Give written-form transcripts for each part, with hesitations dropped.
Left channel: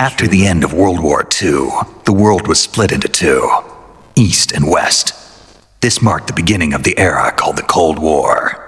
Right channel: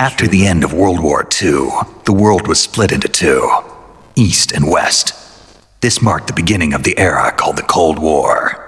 After the end of World War II, the world was split into two, East and West. This marked the beginning of the era called the Cold War.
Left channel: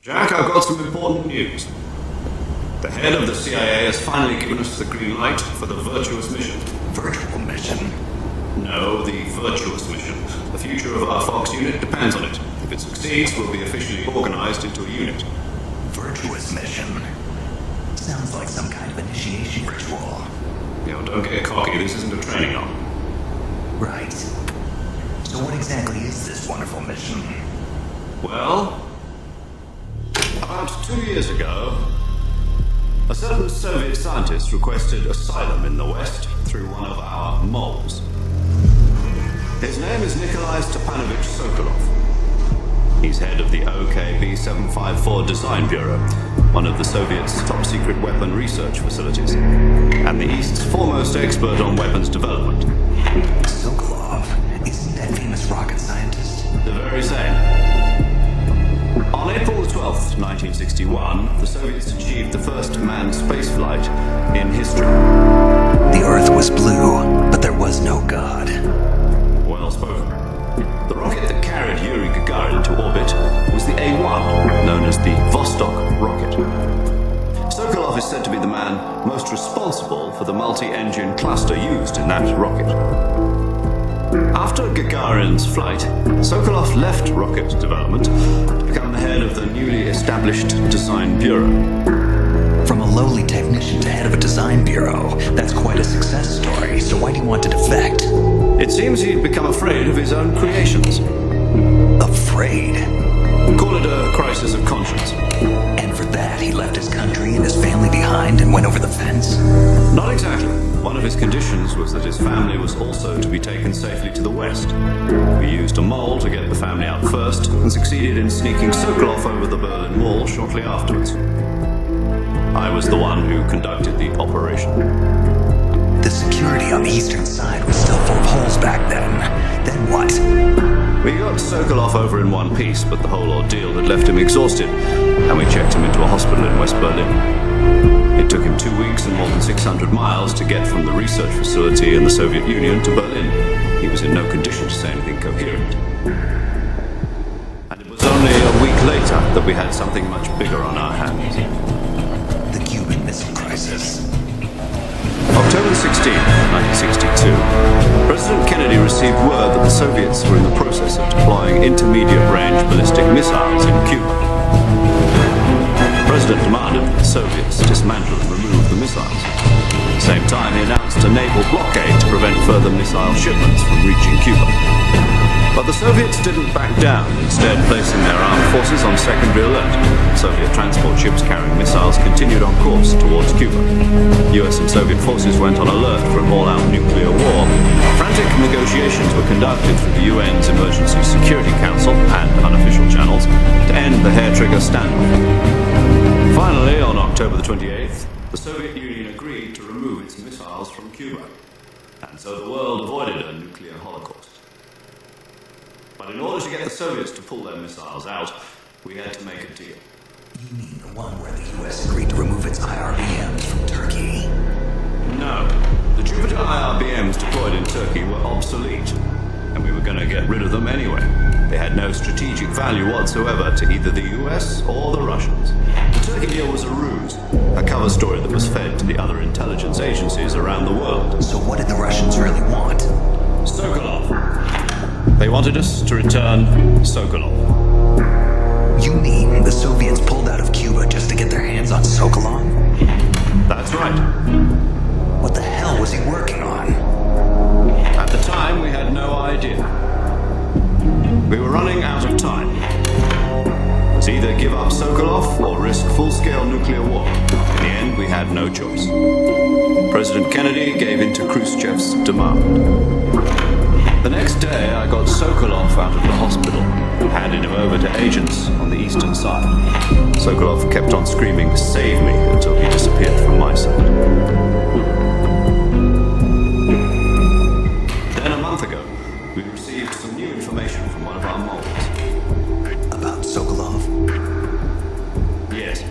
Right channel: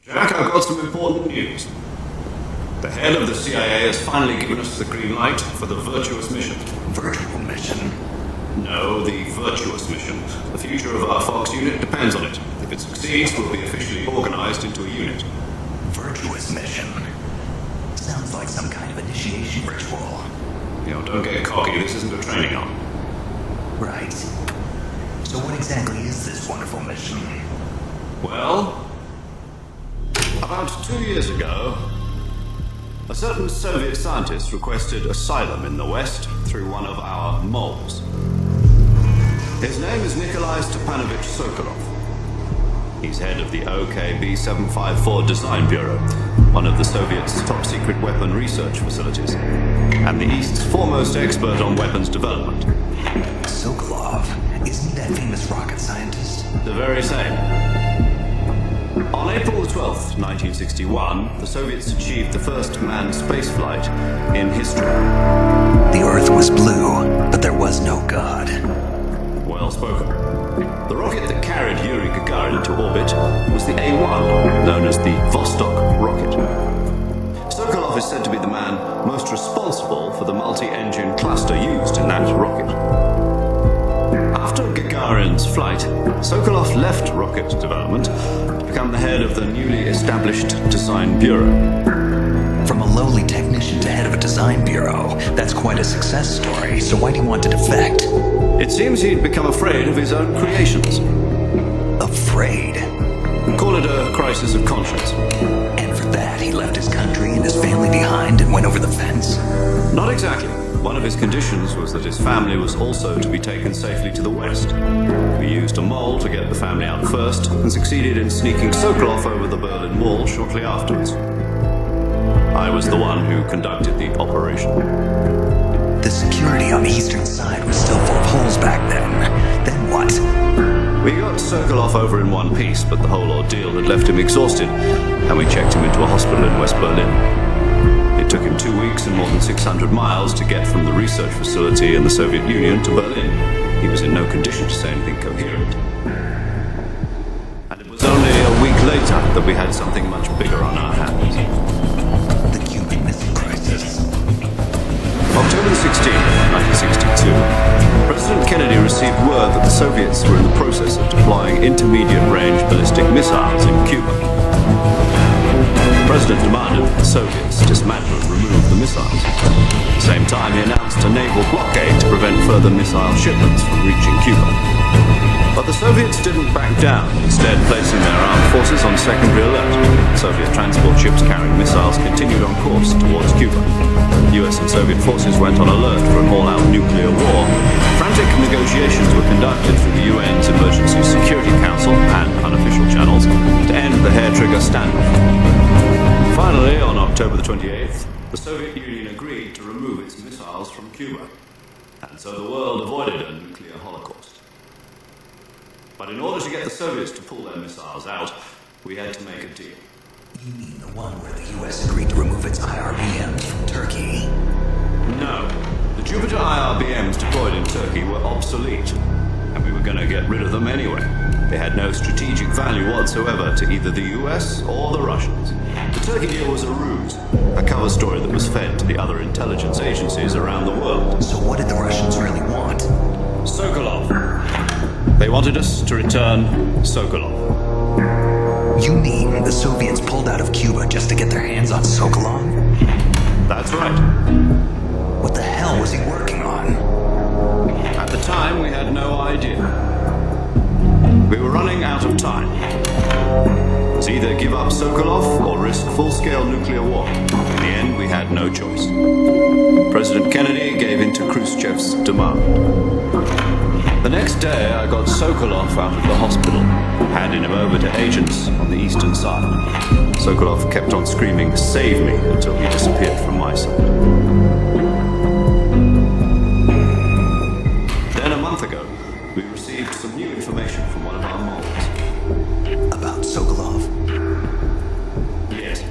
Jack, I've got some important news. The head of the CIA has finally given us the green light for the Virtuous mission. Virtual mission? No, the Virtuous mission. The future of our Fox unit depends on it. If it succeeds, we'll be officially organized into a unit. Virtuous mission? Sounds like some kind of initiation ritual. You know, don't get cocky. This isn't a training op. Right. So what exactly is this wonderful mission? Well, about 2 years ago, a certain Soviet scientist requested asylum in the West through one of our moles. His name is Nikolai Stepanovich Sokolov. He's head of the OKB-754 Design Bureau, one of the Soviets' top-secret weapon research facilities, and the East's foremost expert on weapons development. Sokolov? Isn't he that famous rocket scientist? The very same. On April the 12th, 1961, the Soviets achieved the first manned spaceflight in history. The Earth was blue, but there was no God. Well spoken. The rocket that carried Yuri Gagarin into orbit was the A-1, known as the Vostok rocket. Sokolov is said to be the man most responsible for the multi-engine cluster used in that rocket. After Gagarin's flight, Sokolov left rocket development to become the head of the newly established Design Bureau. From a lowly technician to head of a design bureau, that's quite a success story, so why do you want to defect? It seems he'd become afraid of his own creations. Afraid? Call it a crisis of conscience. And for that, he left his country and his family behind and went over the fence? Not exactly. One of his conditions was that his family was also to be taken safely to the west. We used a mole to get the family out first and succeeded in sneaking Sokolov over the Berlin Wall shortly afterwards. I was the one who conducted the operation. The security on the eastern side was still full of holes back then. Then what? We got Sokolov over in one piece, but the whole ordeal had left him exhausted, and we checked him into a hospital in West Berlin. It took him 2 weeks and more than 600 miles to get from the research facility in the Soviet Union to Berlin. He was in no condition to say anything coherent. And it was only a week later that we had something much bigger on our hands. The Cuban Missile Crisis. October the 16th, 1962, President Kennedy received word that the Soviets were in the process of deploying intermediate-range ballistic missiles in Cuba. The President demanded that the Soviets dismantle and remove the missiles. At the same time, he announced a naval blockade to prevent further missile shipments from reaching Cuba. But the Soviets didn't back down, instead placing their armed forces on secondary alert. Soviet transport ships carrying missiles continued on course towards Cuba. US and Soviet forces went on alert for an all-out nuclear war. Frantic negotiations were conducted through the UN's Emergency Security Council and unofficial channels to end the hair-trigger standoff. Finally, on October the 28th, the Soviet Union agreed to remove its missiles from Cuba. And so the world avoided a nuclear holocaust. But in order to get the Soviets to pull their missiles out, we had to make a deal. You mean the one where the US agreed to remove its IRBMs from Turkey? No. The Jupiter IRBMs deployed in Turkey were obsolete, and we were going to get rid of them anyway. They had no strategic value whatsoever to either the US or the Russians. The Turkey deal was a ruse, a cover story that was fed to the other intelligence agencies around the world. So what did the Russians really want? Sokolov. They wanted us to return Sokolov. You mean the Soviets pulled out of Cuba just to get their hands on Sokolov? That's right. What the hell was he working on? At the time, we had no idea. We were running out of time. It was either give up Sokolov or risk full-scale nuclear war. In the end, we had no choice. President Kennedy gave in to Khrushchev's demand. The next day, I got Sokolov out of the hospital, handing him over to agents on the eastern side. Sokolov kept on screaming, "Save me," until he disappeared from my sight. Then a month ago, we received some new information from one of our moles. About Sokolov? Yes.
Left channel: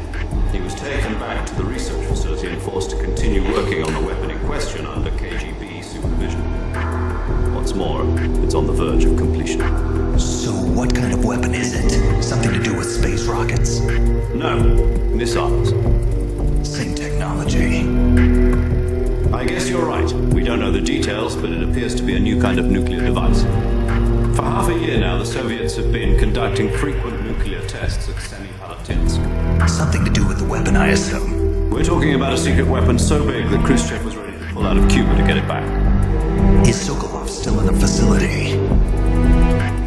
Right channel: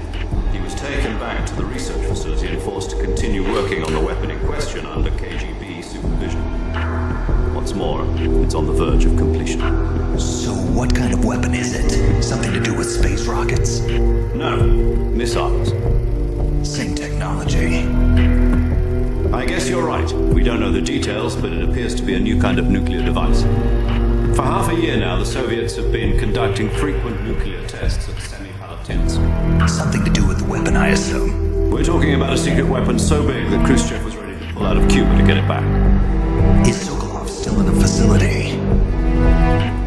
He was taken back to the research facility and forced to continue working on the weapon in question under KGB supervision. What's more, it's on the verge of completion. So what kind of weapon is it? Something to do with space rockets? No, missiles. Same technology. I guess you're right. We don't know the details, but it appears to be a new kind of nuclear device. For half a year now, the Soviets have been conducting frequent nuclear tests at Semipalatinsk. Something to do with the weapon, I assume. We're talking about a secret weapon so big that Khrushchev was ready to pull out of Cuba to get it back. Is Sokolov still in the facility?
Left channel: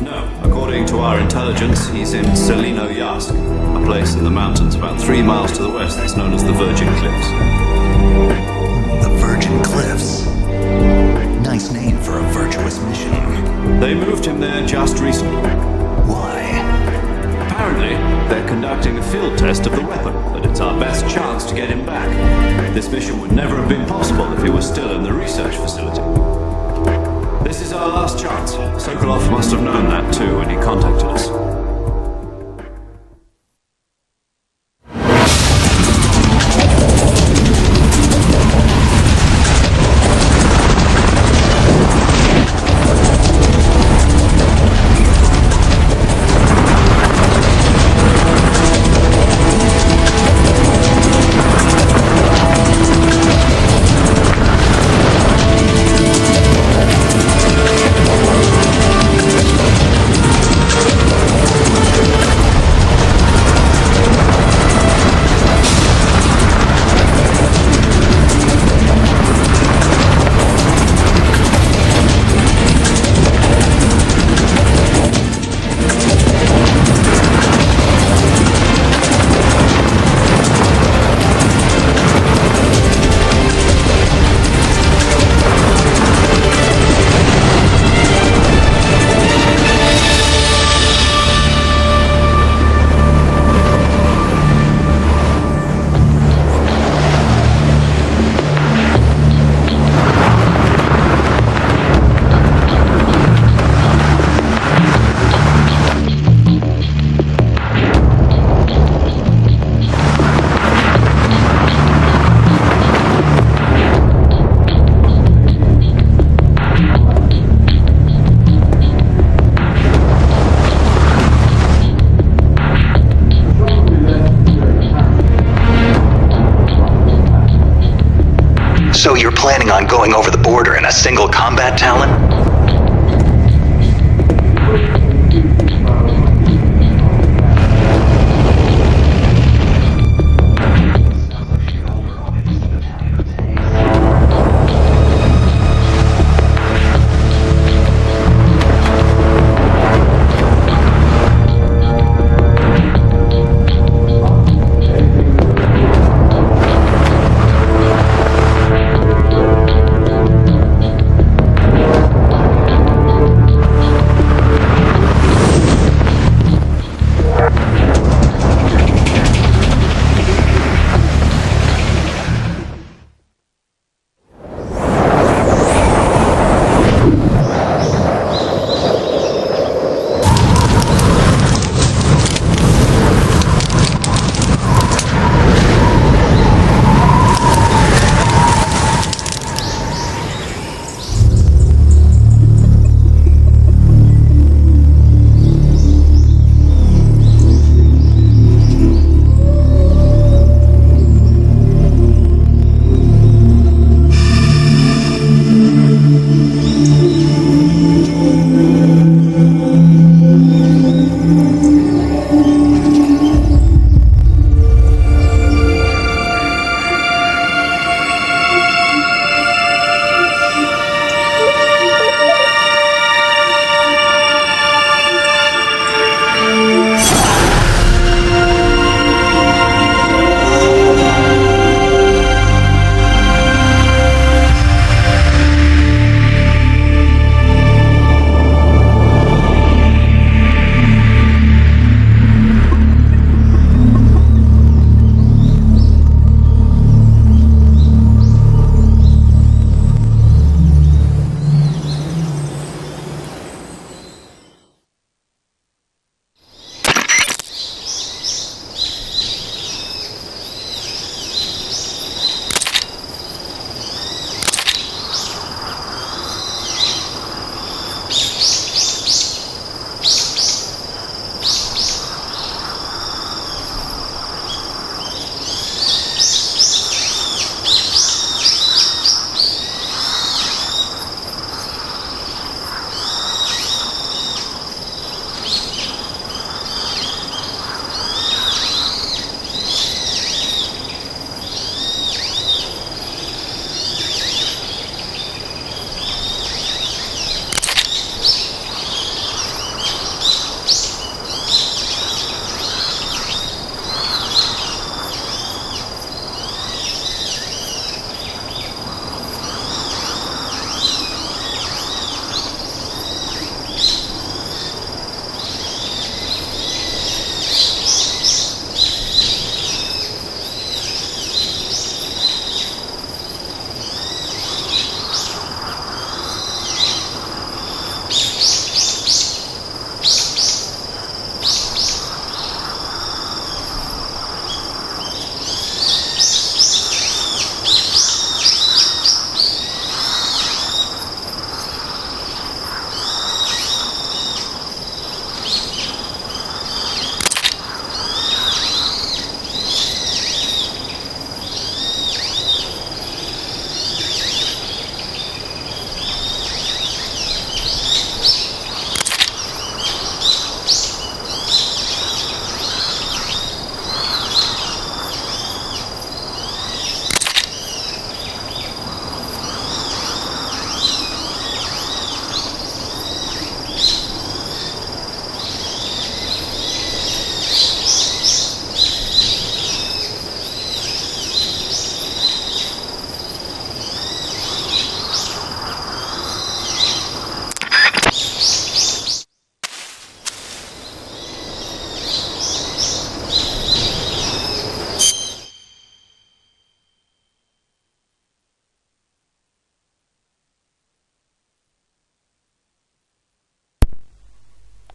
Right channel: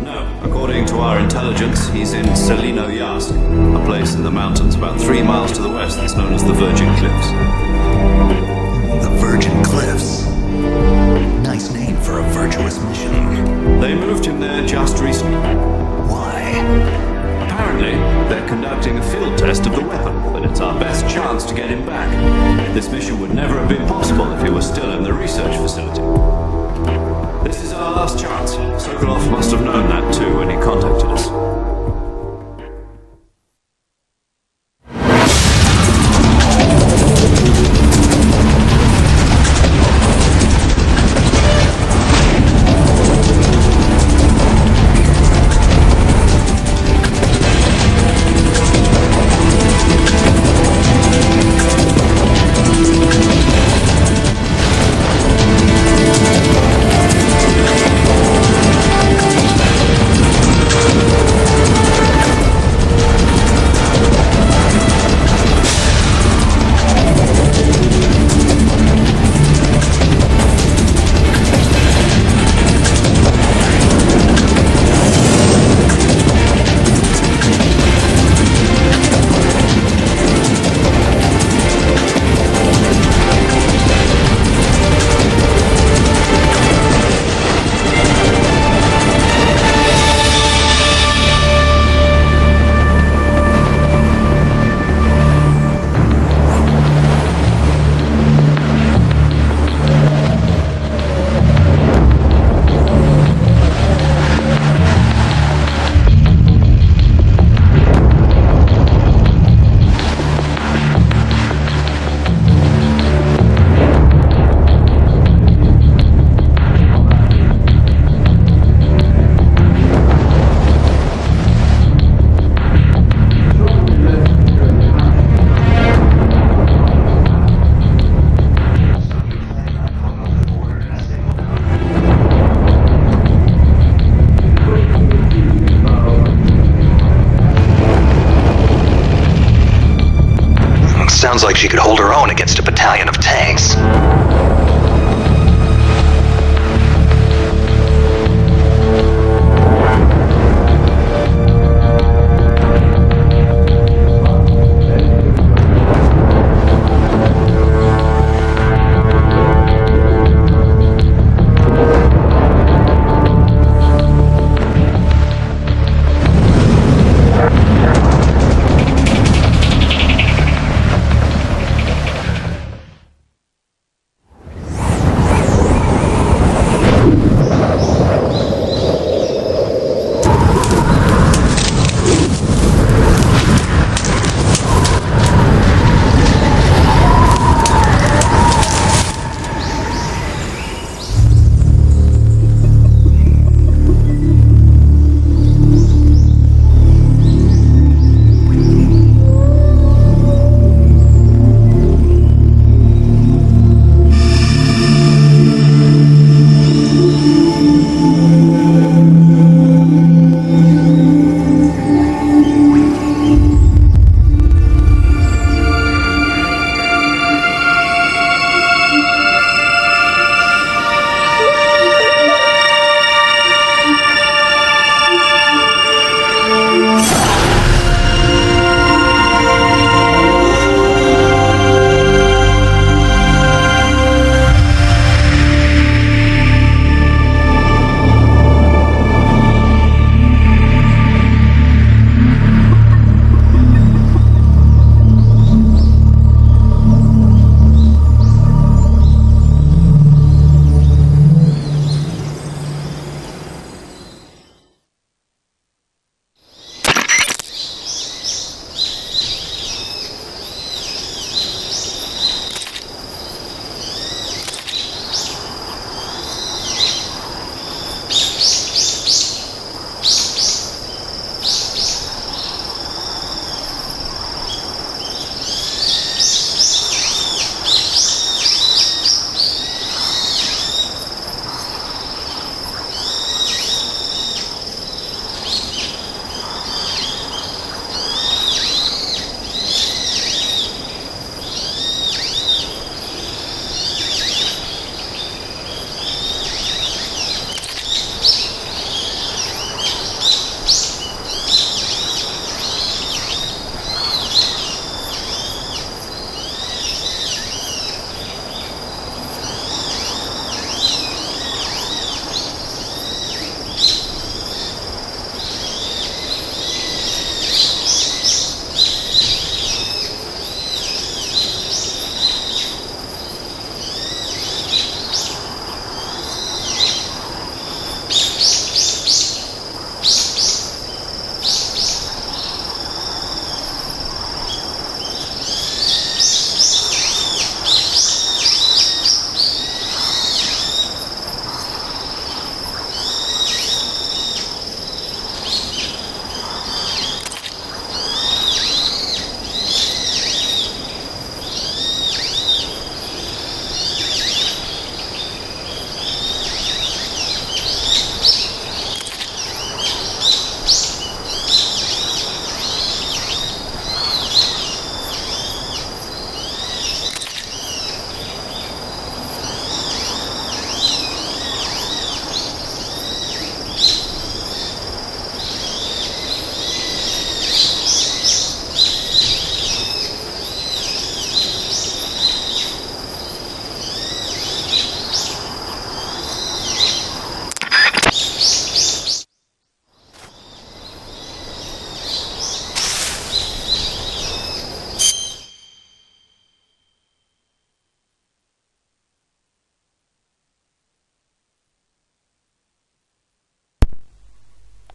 No. According to our intelligence, he's in Selinoyarsk, a place in the mountains about 3 miles to the west that's known as the Virgin Cliffs. The Virgin Cliffs. Nice name for a virtuous mission. They moved him there just recently. Why? Apparently, they're conducting a field test of the weapon, but it's our best chance to get him back. This mission would never have been possible if he was still in the research facility. This is our last chance. Sokolov must have known that too when he contacted us. So you're planning on going over the border in a single combat talent? Sounds like she could hold her own against a battalion of tanks.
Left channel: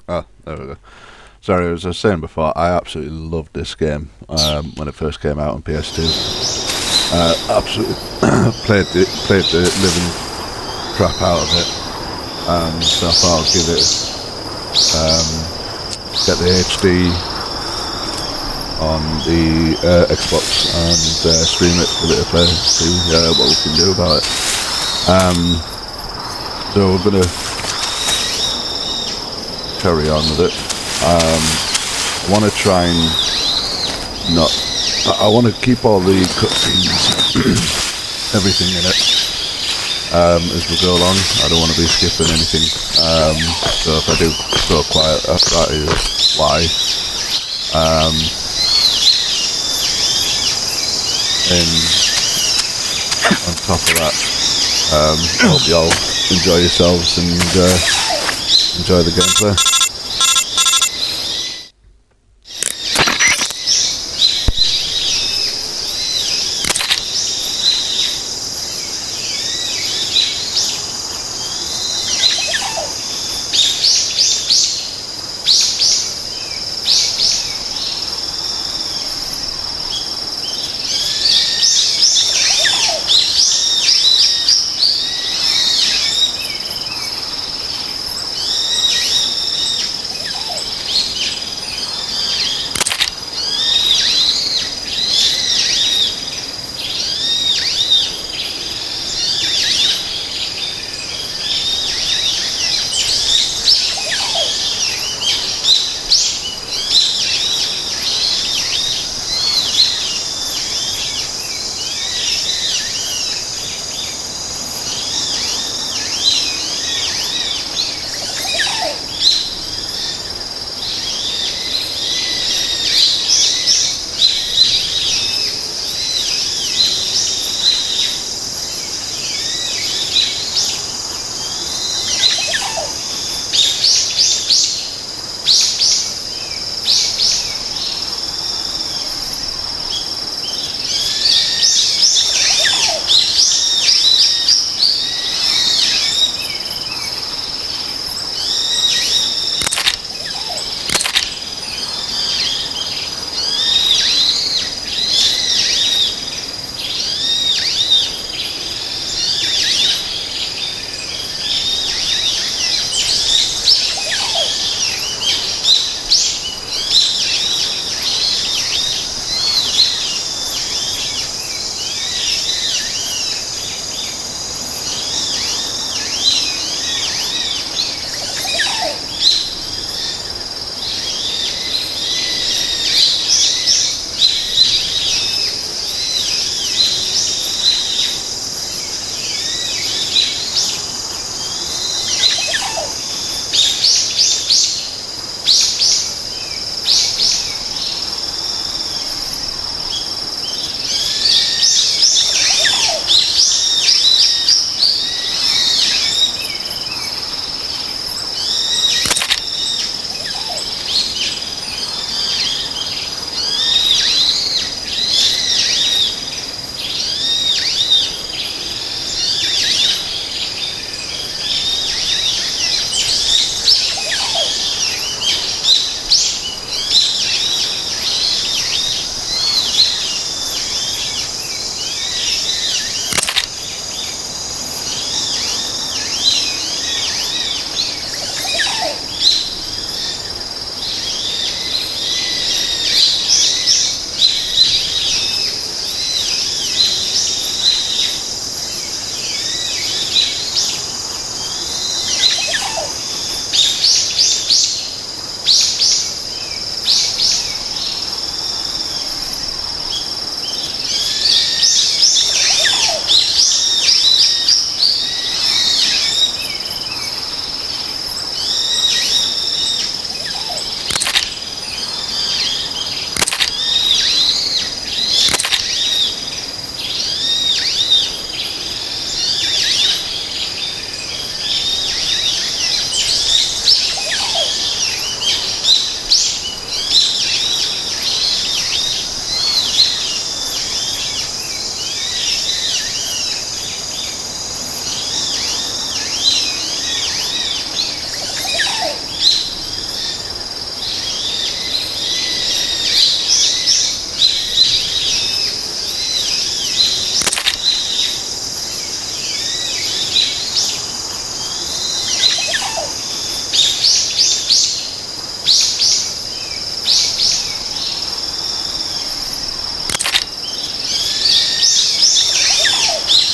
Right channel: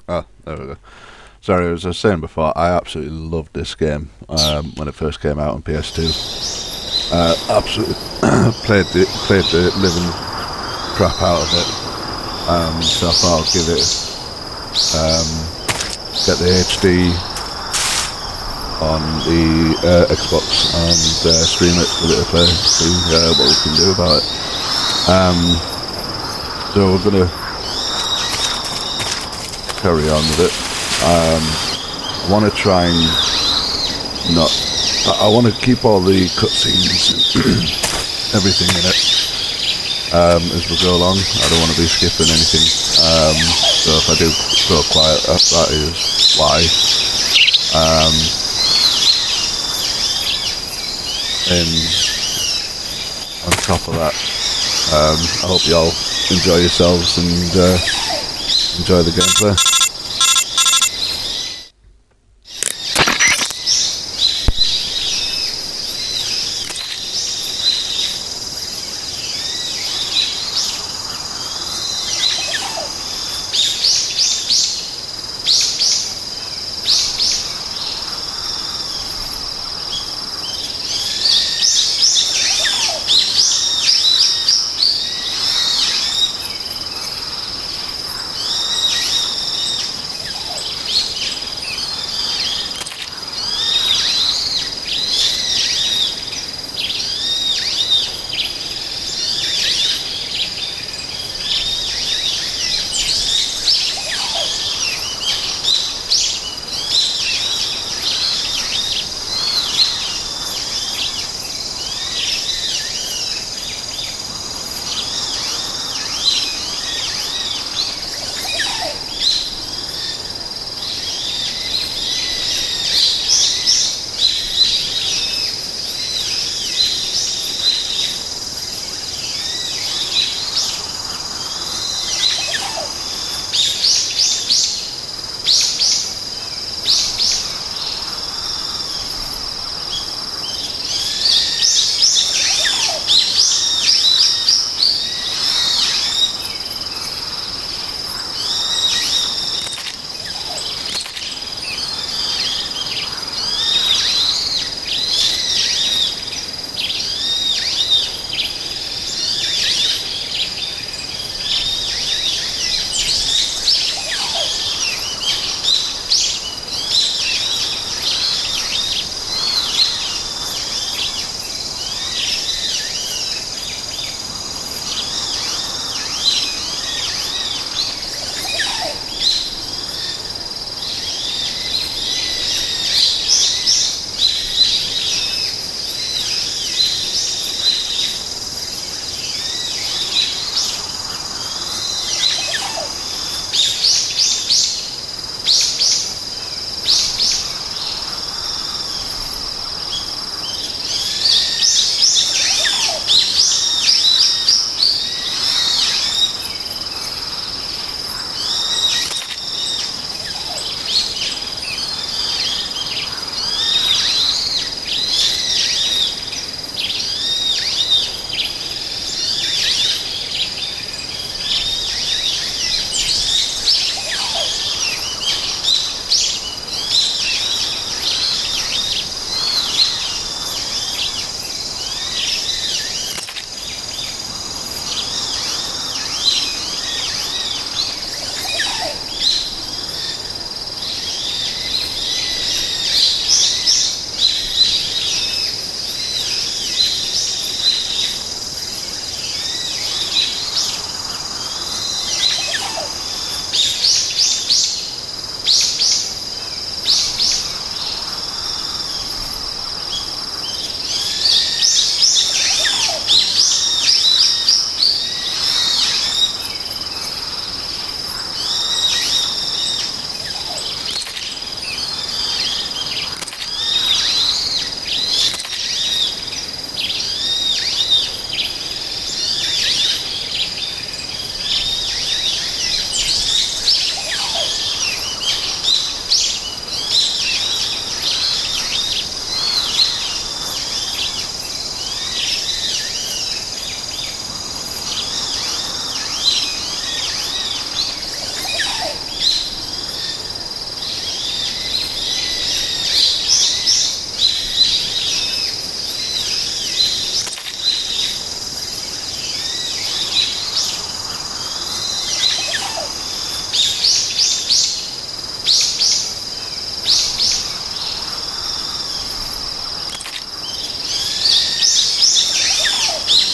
Oh, there we go. Sorry, as I was saying before, I absolutely loved this game when it first came out on PS2. Absolutely played the living crap out of it. So I thought I'll give it get the HD on the Xbox and stream it, give it a play, see what we can do about it. So we're gonna carry on with it. I want to try and not. I want to keep all the cutscenes, everything in it, as we go along. I don't want to be skipping anything. So if I do go quiet, that is why. And on top of that, I hope you all enjoy yourselves and enjoy the gameplay.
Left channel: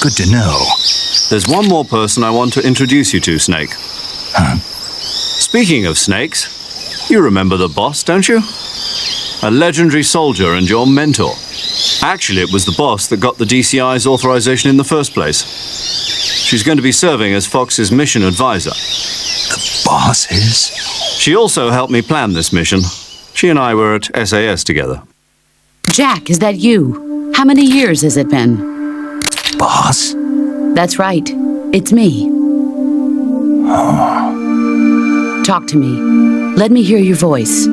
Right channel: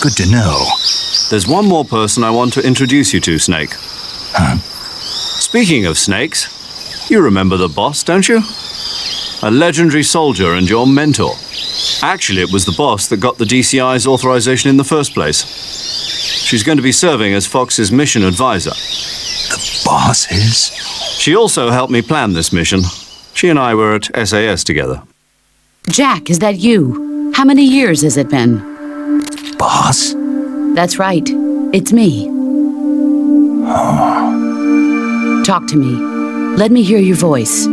Good to know. There's one more person I want to introduce you to, Snake. Huh? Speaking of snakes, you remember the boss, don't you? A legendary soldier and your mentor. Actually, it was the boss that got the DCI's authorization in the first place. She's going to be serving as Fox's mission advisor. The boss is? She also helped me plan this mission. She and I were at SAS together. Jack, is that you? How many years has it been? Boss? That's right. It's me. Talk to me. Let me hear your voice.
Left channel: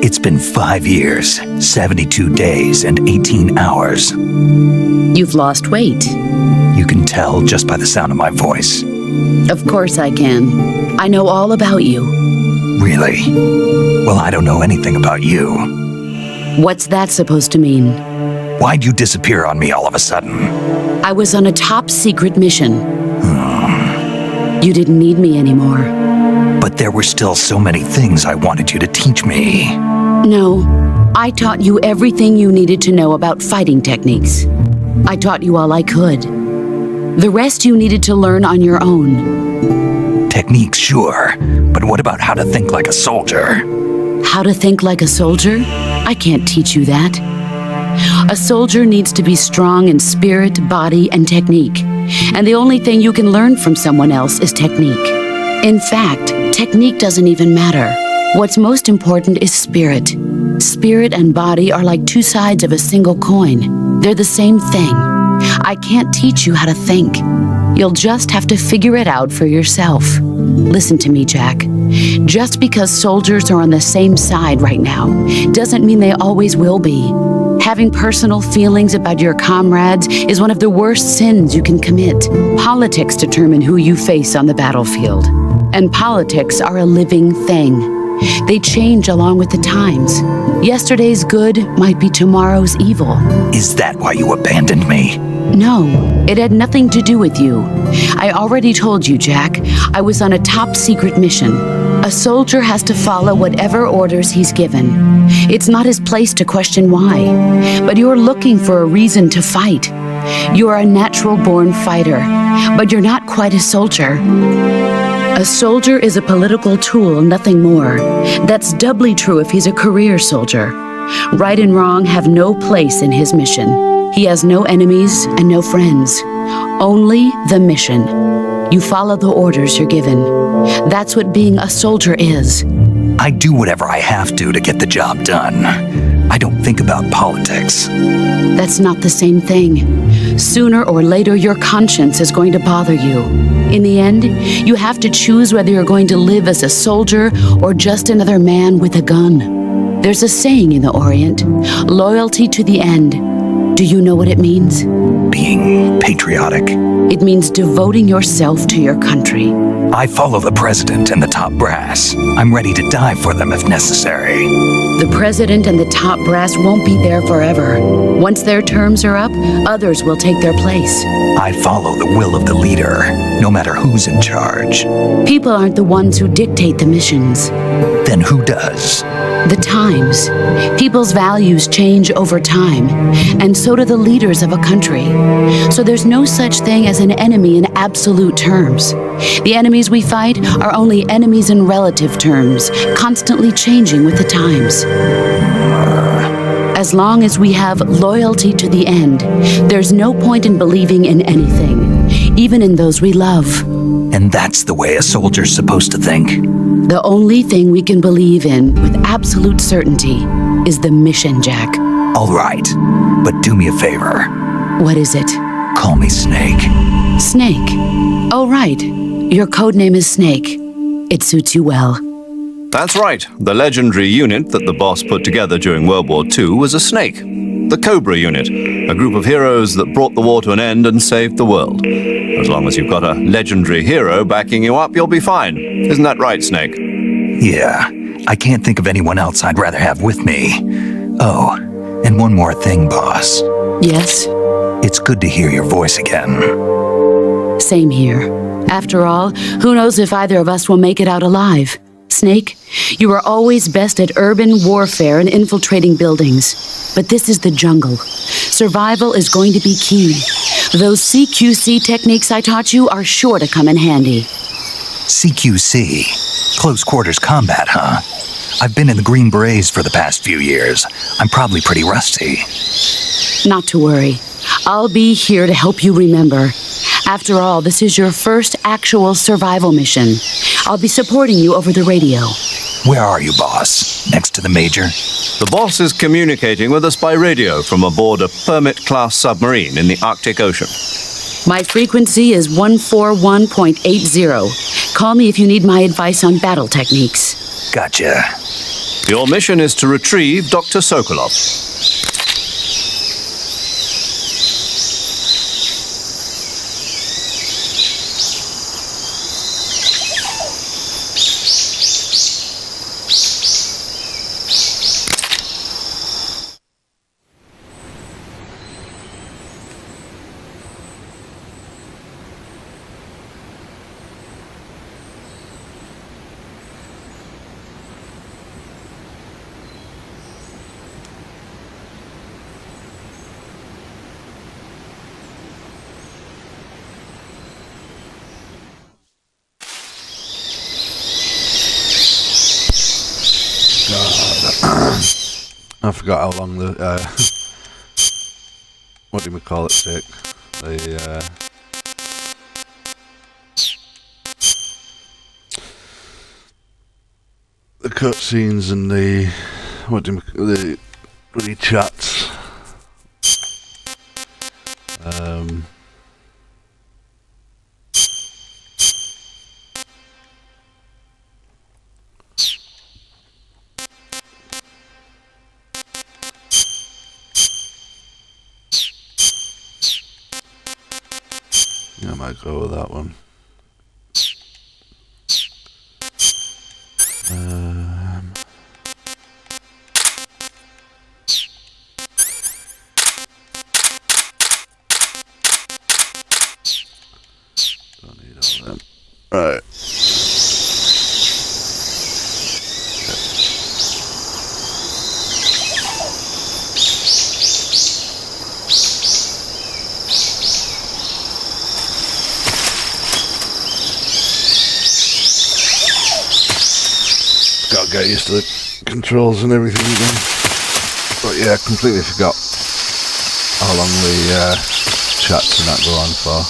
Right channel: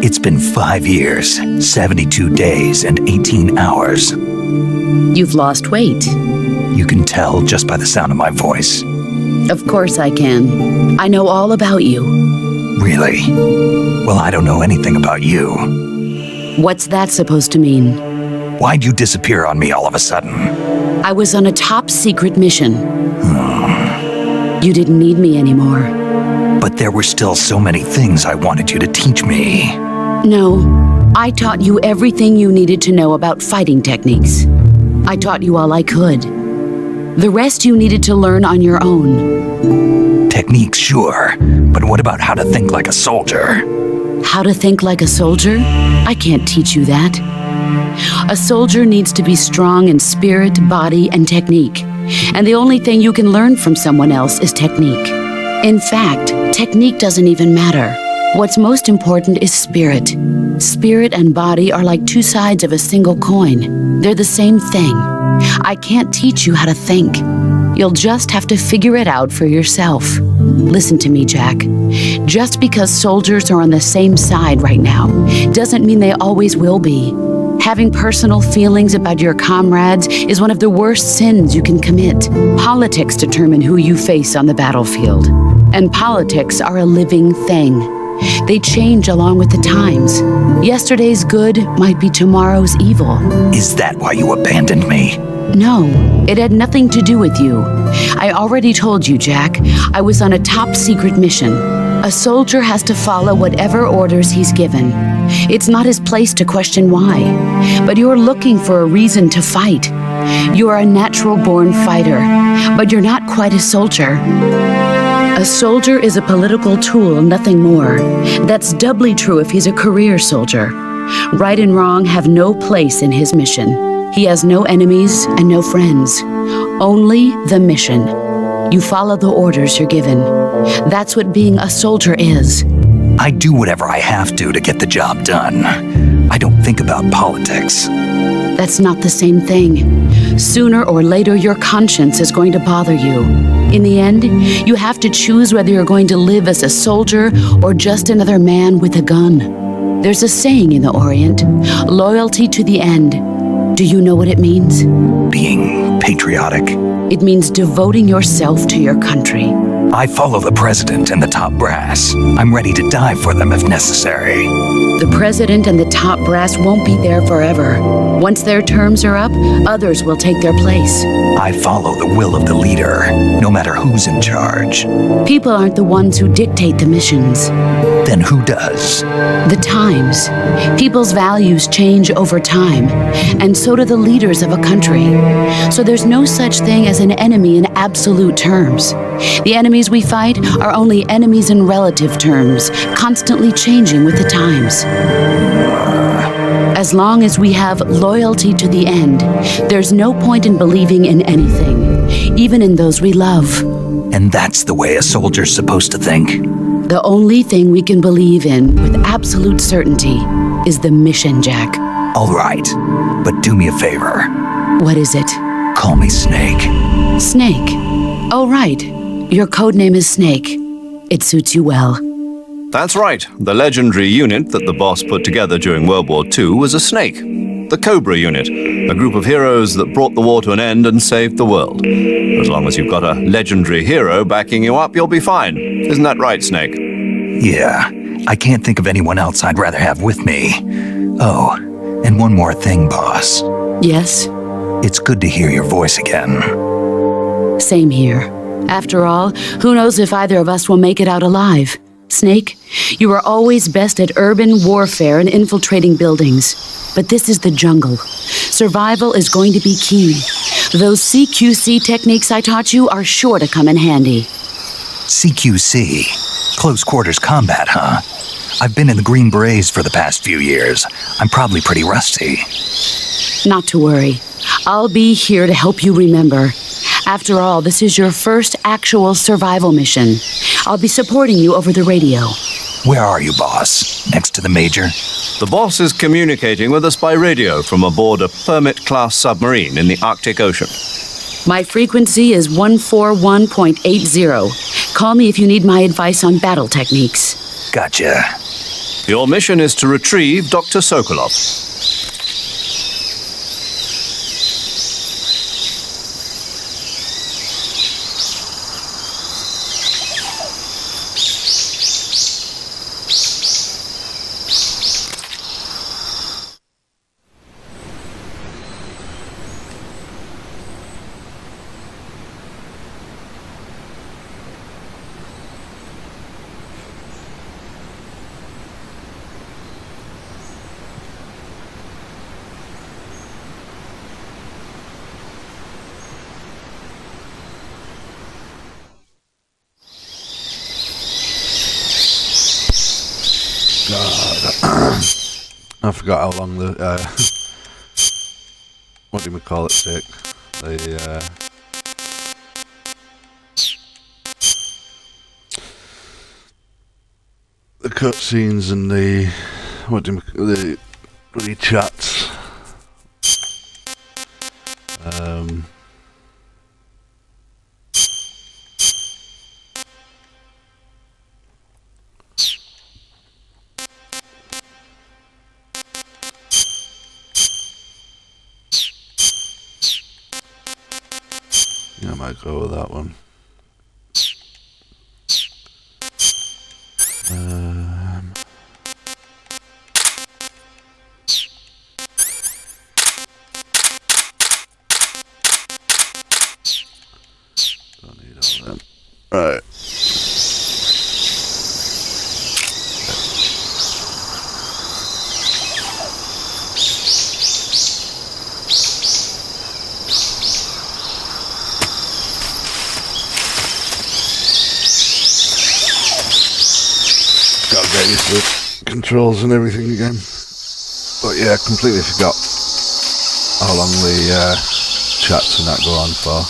It's been 5 years, 72 days, and 18 hours. You've lost weight. You can tell just by the sound of my voice. Of course I can. I know all about you. Really? Well, I don't know anything about you. What's that supposed to mean? Why'd you disappear on me all of a sudden? I was on a top secret mission. You didn't need me anymore. But there were still so many things I wanted you to teach me. No, I taught you everything you needed to know about fighting techniques. I taught you all I could. The rest you needed to learn on your own. Techniques, sure. But what about how to think like a soldier? How to think like a soldier? I can't teach you that. A soldier needs to be strong in spirit, body, and technique. And the only thing you can learn from someone else is technique. In fact, technique doesn't even matter. What's most important is spirit. Spirit and body are like two sides of a single coin. They're the same thing. I can't teach you how to think. You'll just have to figure it out for yourself. Listen to me, Jack. Just because soldiers are on the same side right now doesn't mean they always will be. Having personal feelings about your comrades is one of the worst sins you can commit. Politics determine who you face on the battlefield. And politics are a living thing. They change along with the times. Yesterday's good might be tomorrow's evil. Is that why you abandoned me? No, it had nothing to do with you. I already told you, Jack. I was on a top secret mission. A soldier has to follow whatever orders he's given. It's not his place to question why. But you're looking for a reason to fight. You're a natural-born fighter, but you're not quite a soldier. A soldier is a political tool, nothing more. That's doubly true if he's a career soldier. Right and wrong have no place in his mission. He has no enemies and no friends. Only the mission. You follow the orders you're given. That's what being a soldier is. I do whatever I have to get the job done. I don't think about politics. That's not the same thing. Sooner or later, your conscience is going to bother you. In the end, you have to choose whether you're going to live as a soldier or just another man with a gun. There's a saying in the Orient, loyalty to the end. Do you know what it means? Being patriotic. It means devoting yourself to your country. I follow the president and the top brass. I'm ready to die for them if necessary. The president and the top brass won't be there forever. Once their terms are up, others will take their place. I follow the will of the leader, no matter who's in charge. People aren't the ones who dictate the missions. Then who does? The times. People's values change over time, and so do the leaders of a country. So there's no such thing as an enemy in absolute terms. The enemies we fight are only enemies in relative terms, constantly changing with the times. As long as we have loyalty to the end, there's no point in believing in anything, even in those we love. And that's the way a soldier's supposed to think? The only thing we can believe in with absolute certainty is the mission, Jack. All right, but do me a favor. What is it? Call me Snake. Snake. Oh, right. Your code name is Snake. It suits you well. That's right. The legendary unit that the boss put together during World War II was a snake. The Cobra Unit, a group of heroes that brought the war to an end and saved the world. As long as you've got a legendary hero backing you up, you'll be fine. Isn't that right, Snake? Yeah, I can't think of anyone else I'd rather have with me. Oh, and one more thing, boss. Yes? It's good to hear your voice again. Same here. After all, who knows if either of us will make it out alive? Snake, you are always best at urban warfare and infiltrating buildings. But this is the jungle. Survival is going to be key. Those CQC techniques I taught you are sure to come in handy. CQC. Close quarters combat, huh? I've been in the Green Berets for the past few years. I'm probably pretty rusty. Not to worry. I'll be here to help you remember. After all, this is your first actual survival mission. I'll be supporting you over the radio. Where are you, boss? Next to the Major? The boss is communicating with us by radio from aboard a Permit-class submarine in the Arctic Ocean. My frequency is 141.80. Call me if you need my advice on battle techniques. Gotcha. Your mission is to retrieve Dr. Sokolov. I forgot how long the what do we call it? Take the cutscenes and the bloody chats. Yeah, I might go with that one. Don't need all them. Right. Gotta get used to the controls and everything again. But yeah, I completely forgot how long the chats and that go on for.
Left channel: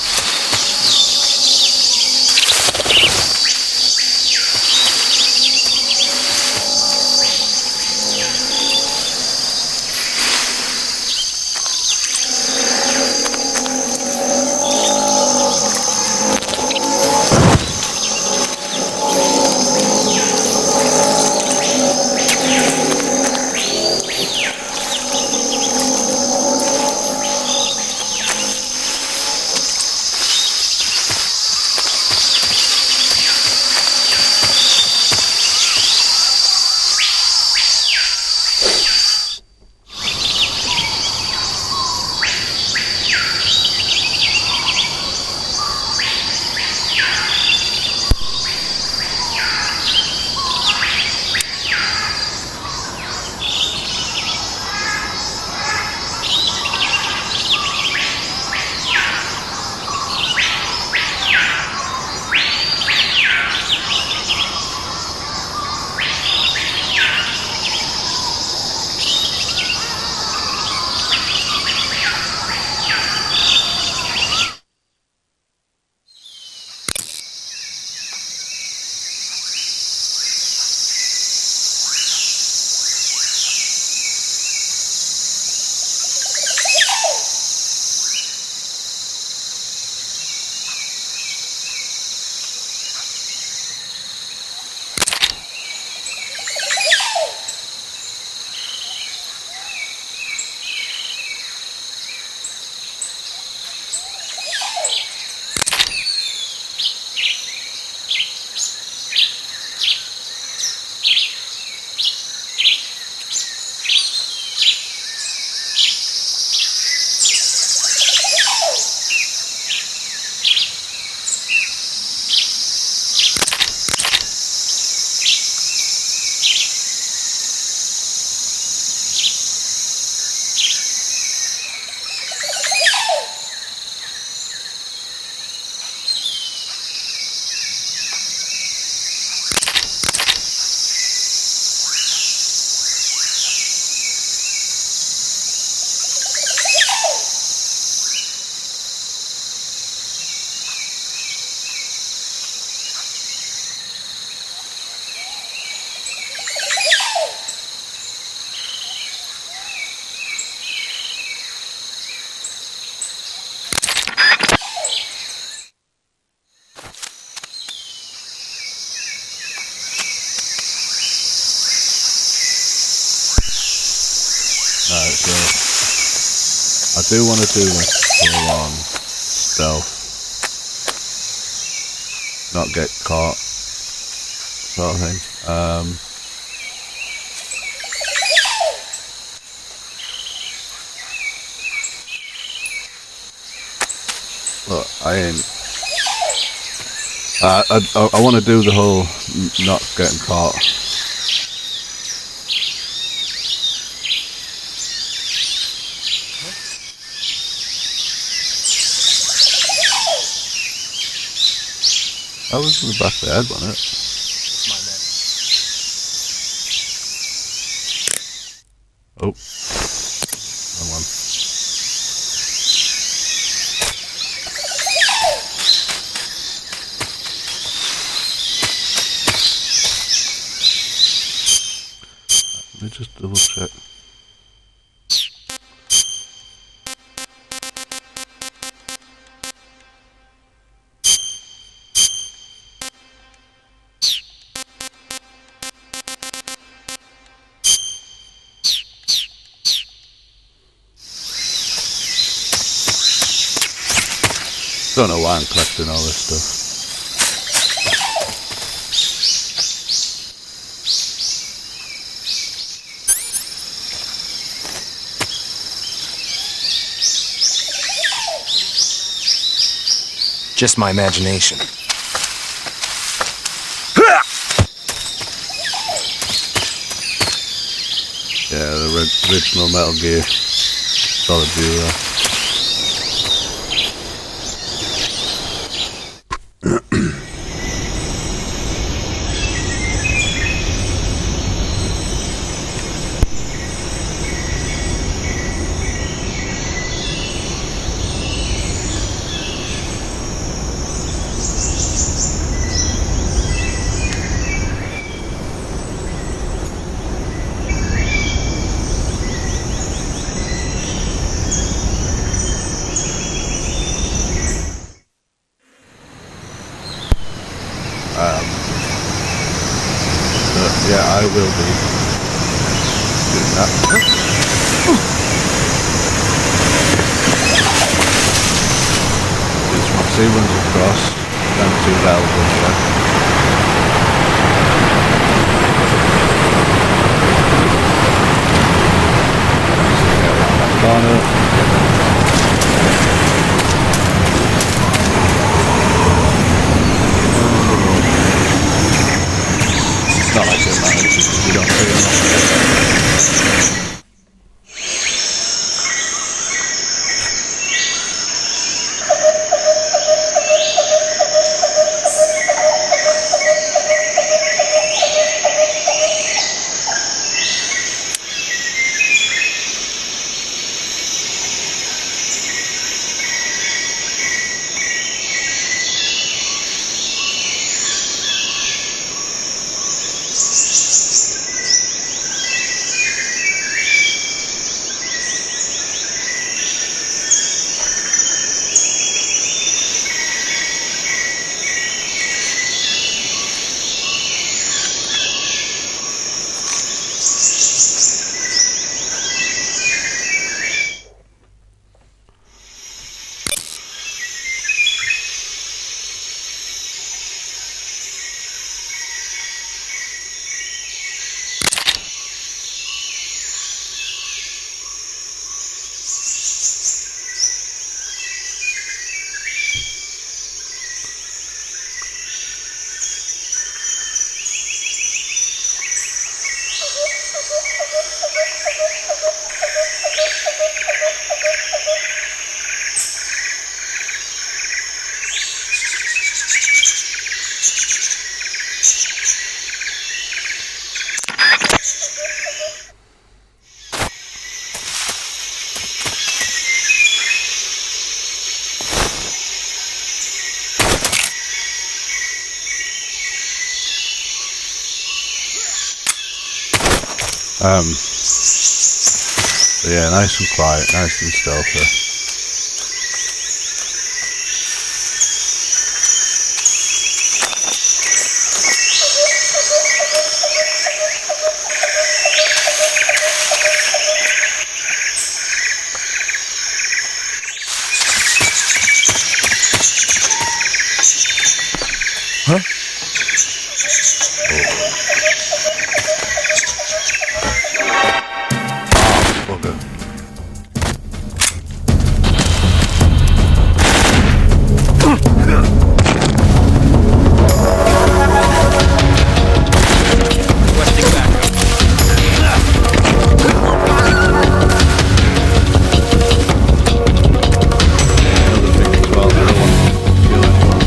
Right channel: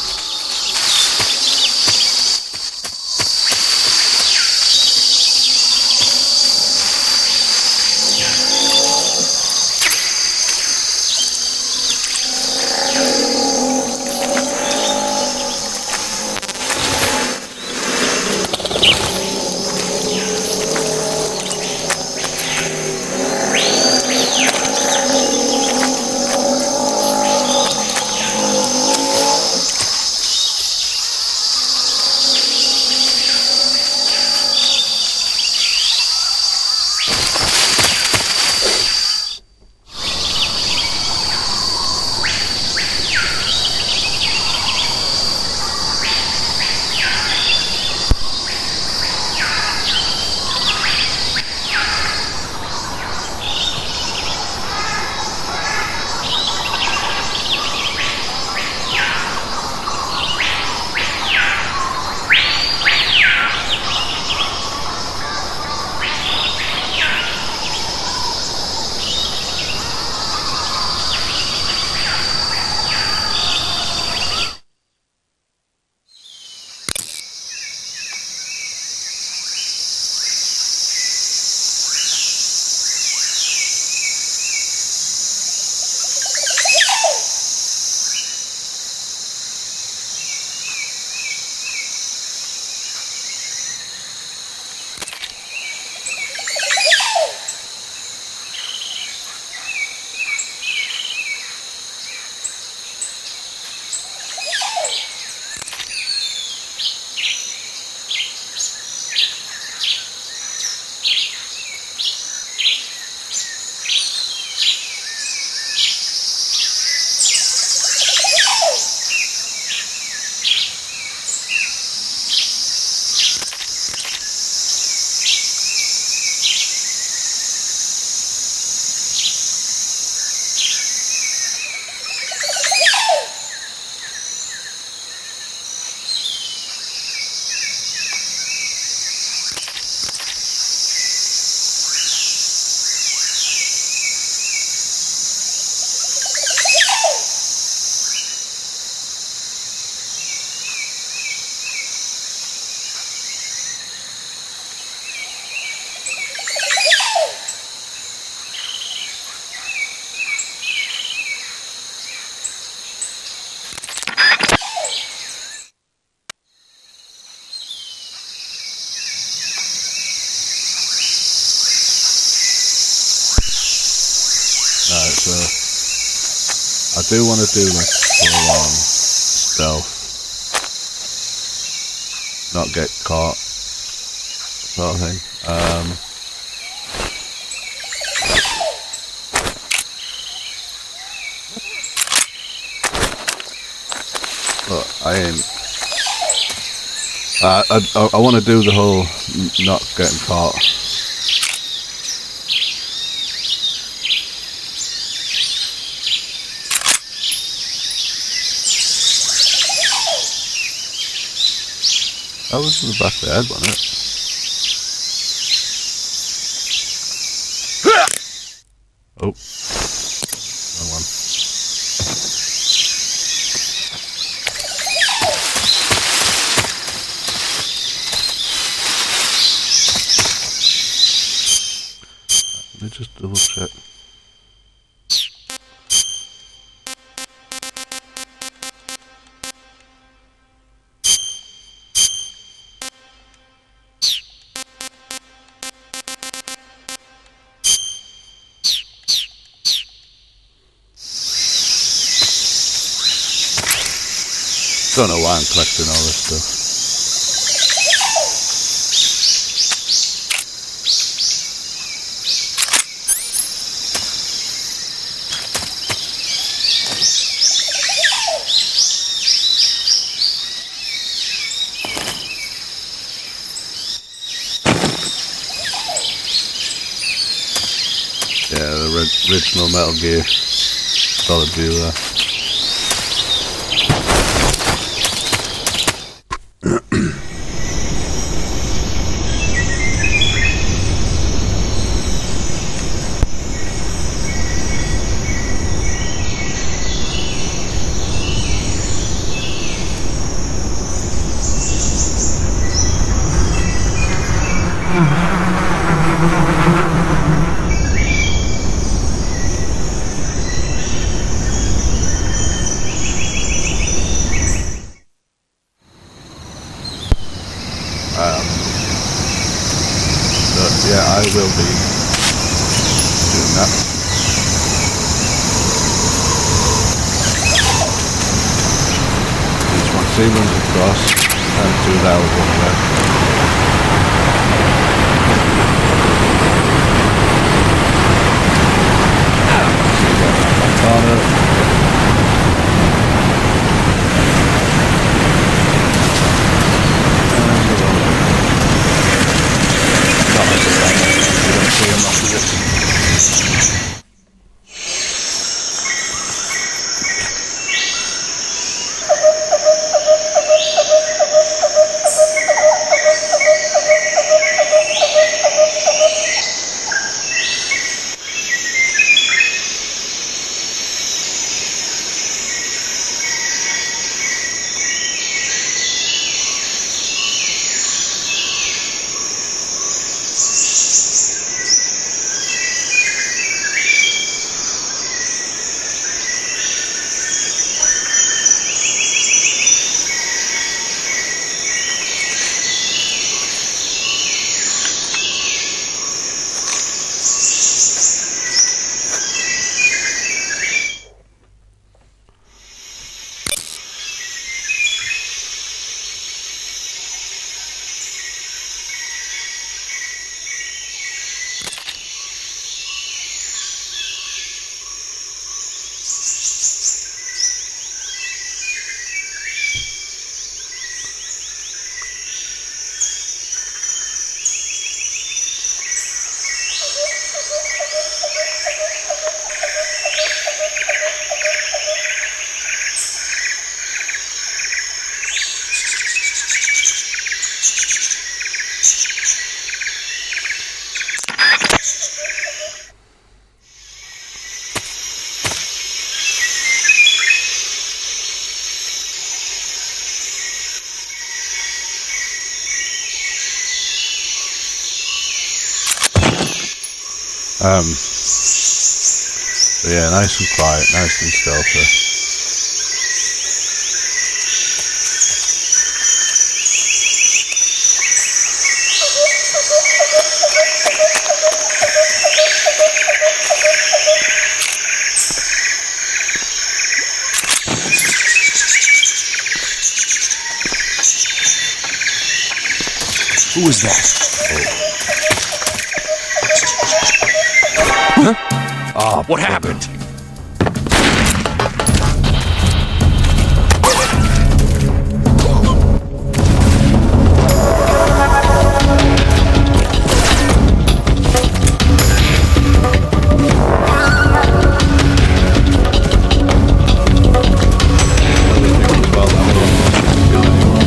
Alright, so I do want to do like full on stealth, not get caught, sort of thing. But I ain't. I want to do the whole not getting caught. That was in the back of the head, wasn't it? Oh. Wrong one. Let me just double check. Don't know why I'm collecting all this stuff. Just my imagination. Yeah, the original Metal Gear Solid view there. So, yeah, I will be doing that. Just once he runs across, them two that'll run away. Once they get around that corner, get them. And the road. Not like this, like because you don't see them after this. So yeah, nice and quiet, nice and stealthy. Who was that? What happened? Another thing as well, I don't want to kill anyone.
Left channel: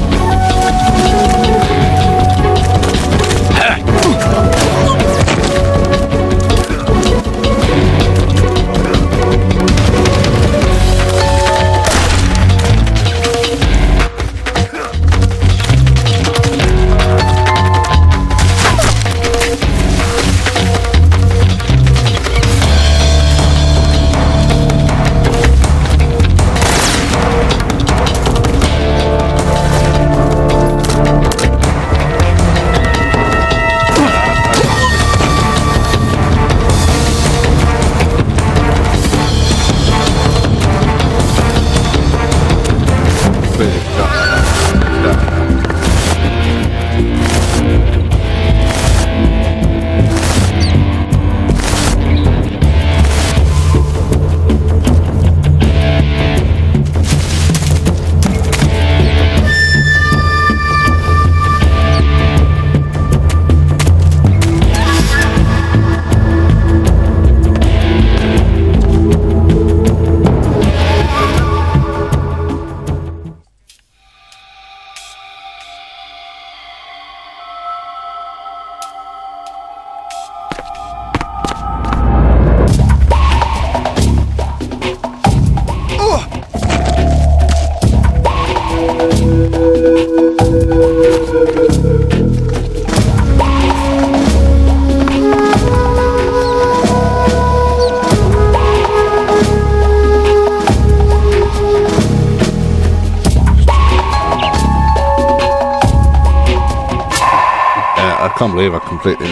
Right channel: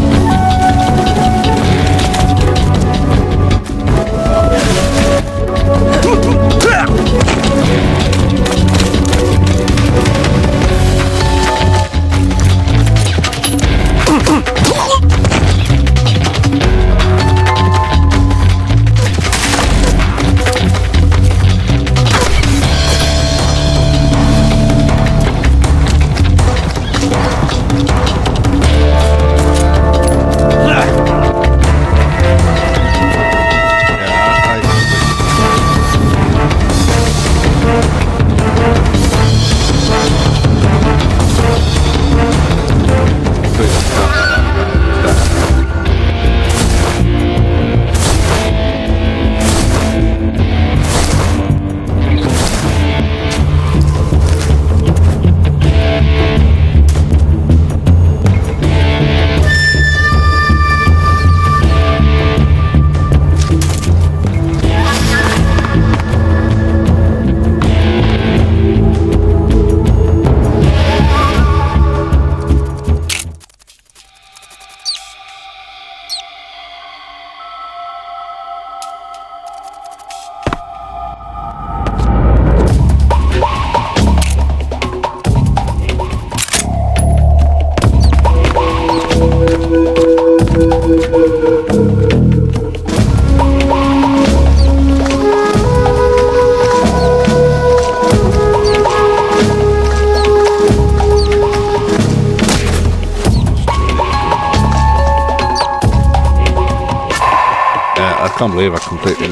I can't believe I completely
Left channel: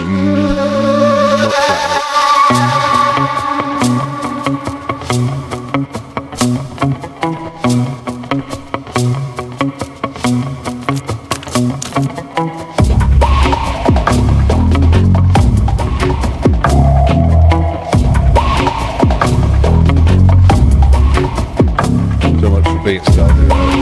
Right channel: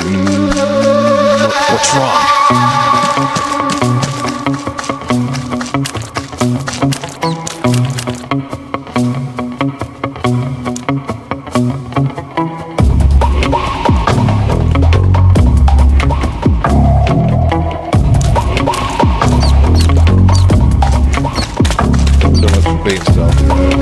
so much for being stealthy, right?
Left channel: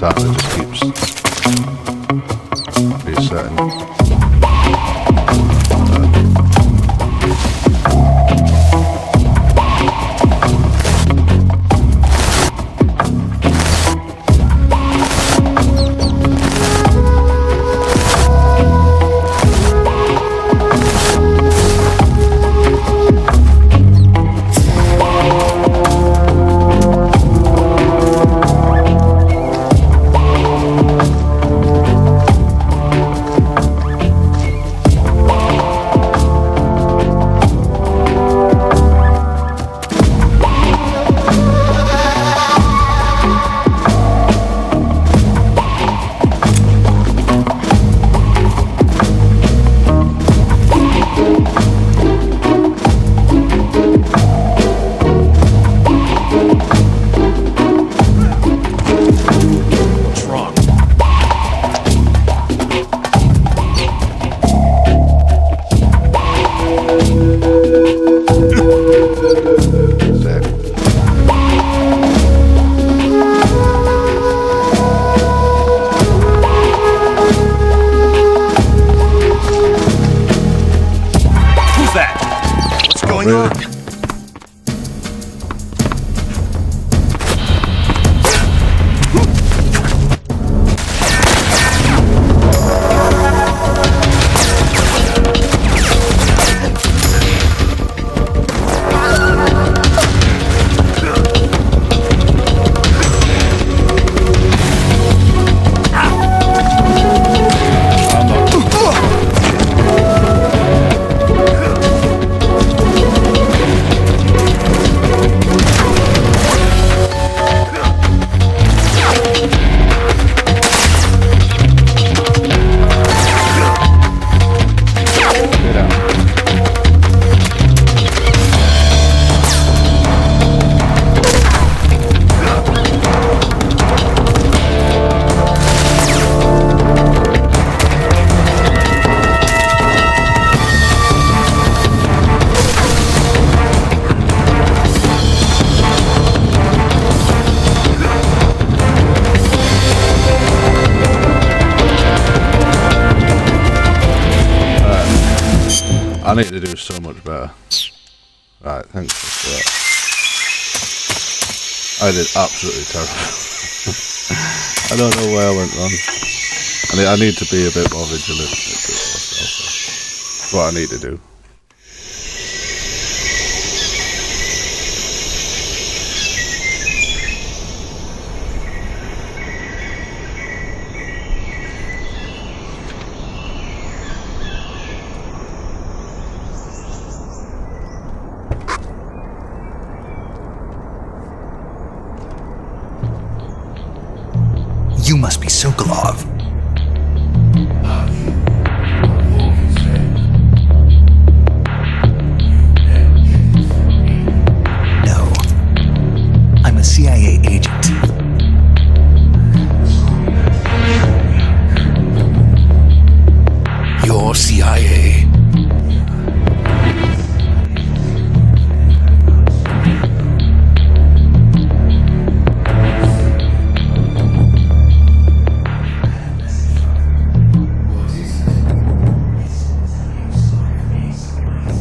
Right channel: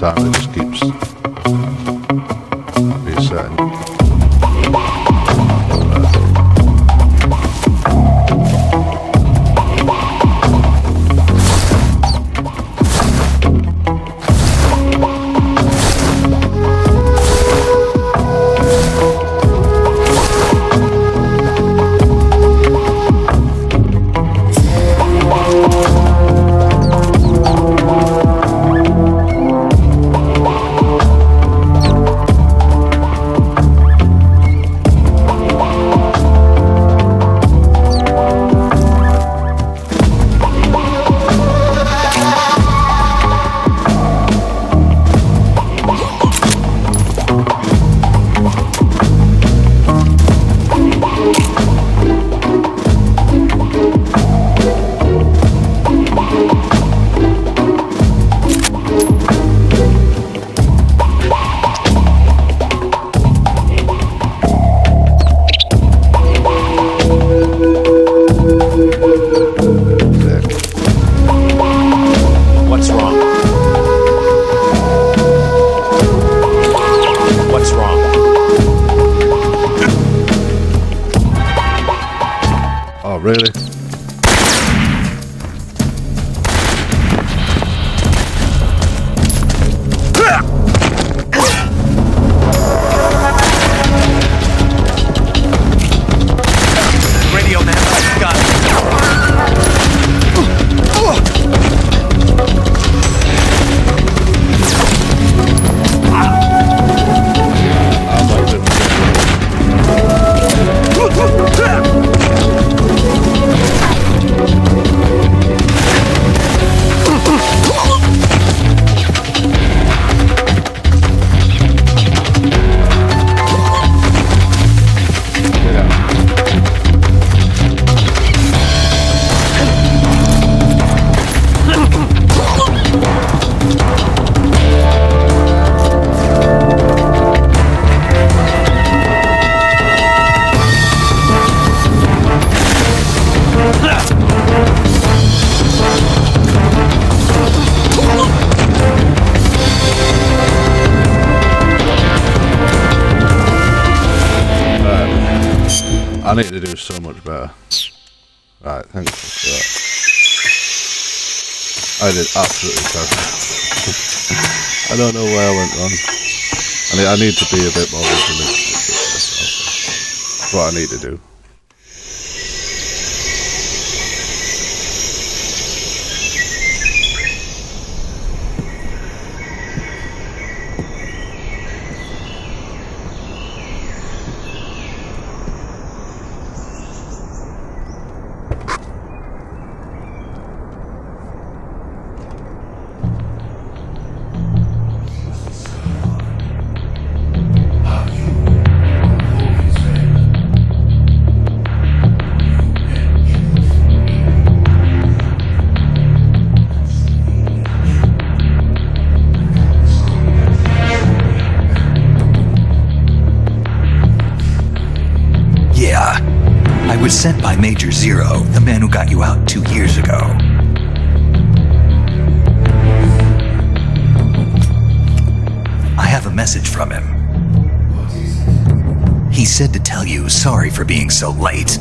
Timer just keeps resetting. I need to do so much better. Right, thanks for that. I did absolutely terrible. I don't know where I went wrong. I need to be a bit more vigilant with myself. That's what I need to do. You must be Sokolov. No. I'm a CIA agent. You're CIA. Yeah. I was sent by Major Zero, the man who got you out 2 years ago. Message from him. He said to tell you sorry for being so late.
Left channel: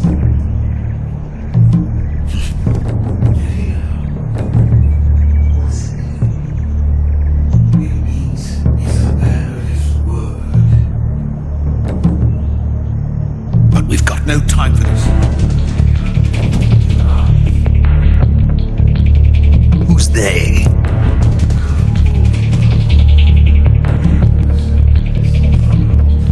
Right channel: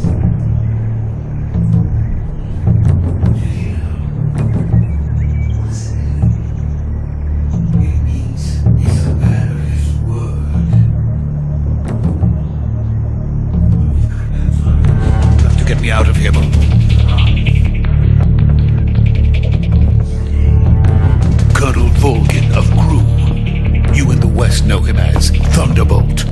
But we've got no time for this. Have to get me out of here. Who's they? Colonel Volkin of Crew. You in the West know him as Thunderbolt.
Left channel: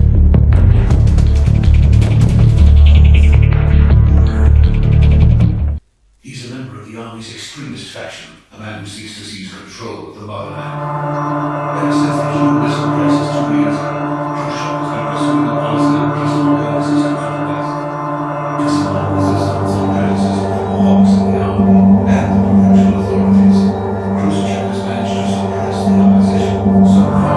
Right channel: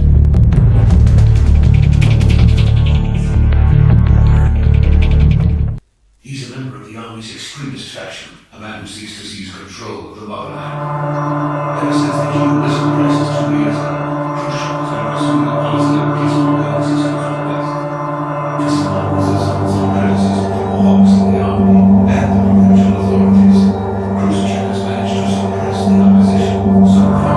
He's a member of the Army's extremist faction, a man who seeks to seize control of the motherland. Ever since the humanism crisis 2 years ago, Khrushchev has been pursuing a policy of peaceful coexistence with the West. Despite resistance and analysis of the hawks in the army and the provincial authorities, Khrushchev has managed to suppress the opposition so far.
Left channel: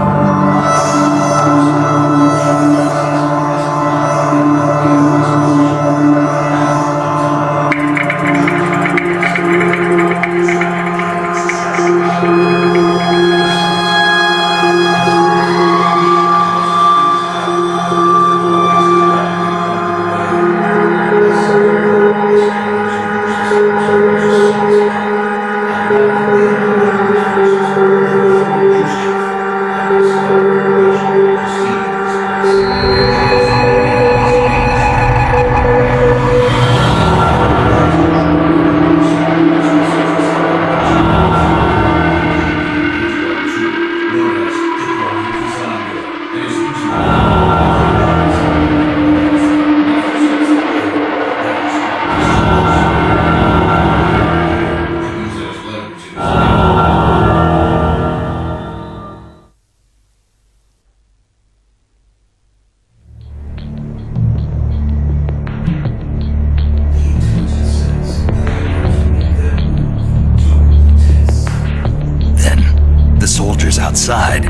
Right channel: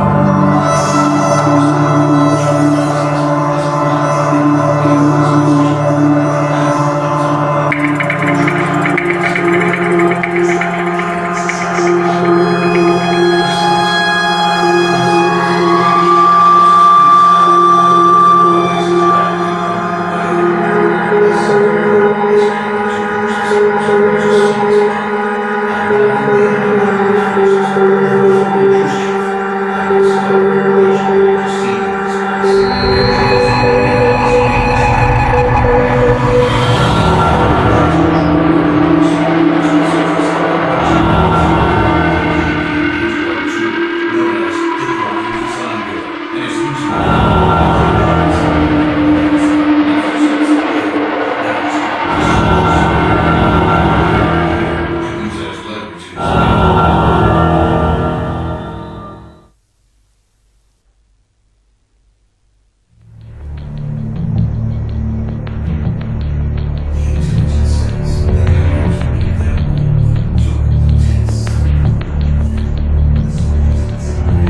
Outside.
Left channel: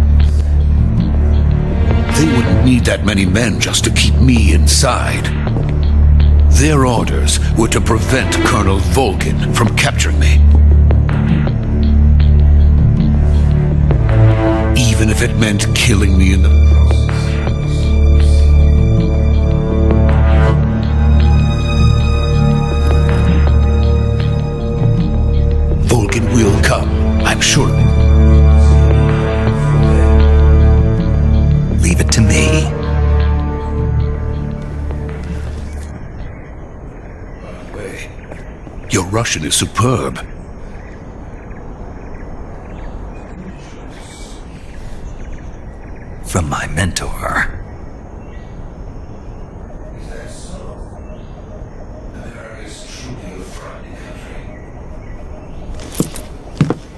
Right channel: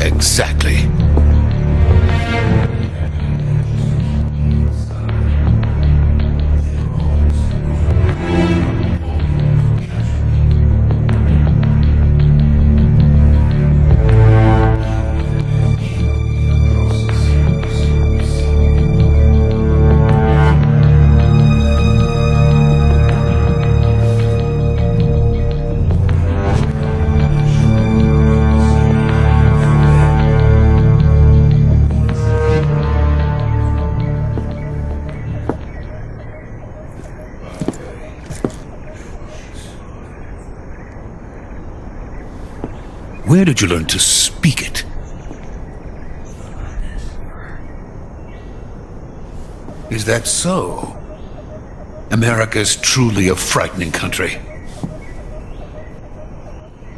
Exactly. They wouldn't need that many men just to keep me inside. Their orders were to prevent Colonel Volkin from capturing me. Even if it meant killing me in the process. I'm sure. Leave it to me. By the way, your Russian is superb. Where did you learn to speak it? From my mentor. Is that so? America is truly a frightening country.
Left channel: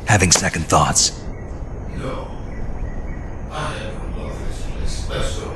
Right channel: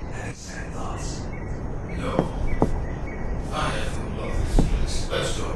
Having second thoughts. No. I have no love this place. Let's go.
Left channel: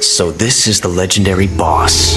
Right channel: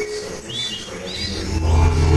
So this is the legendary boss.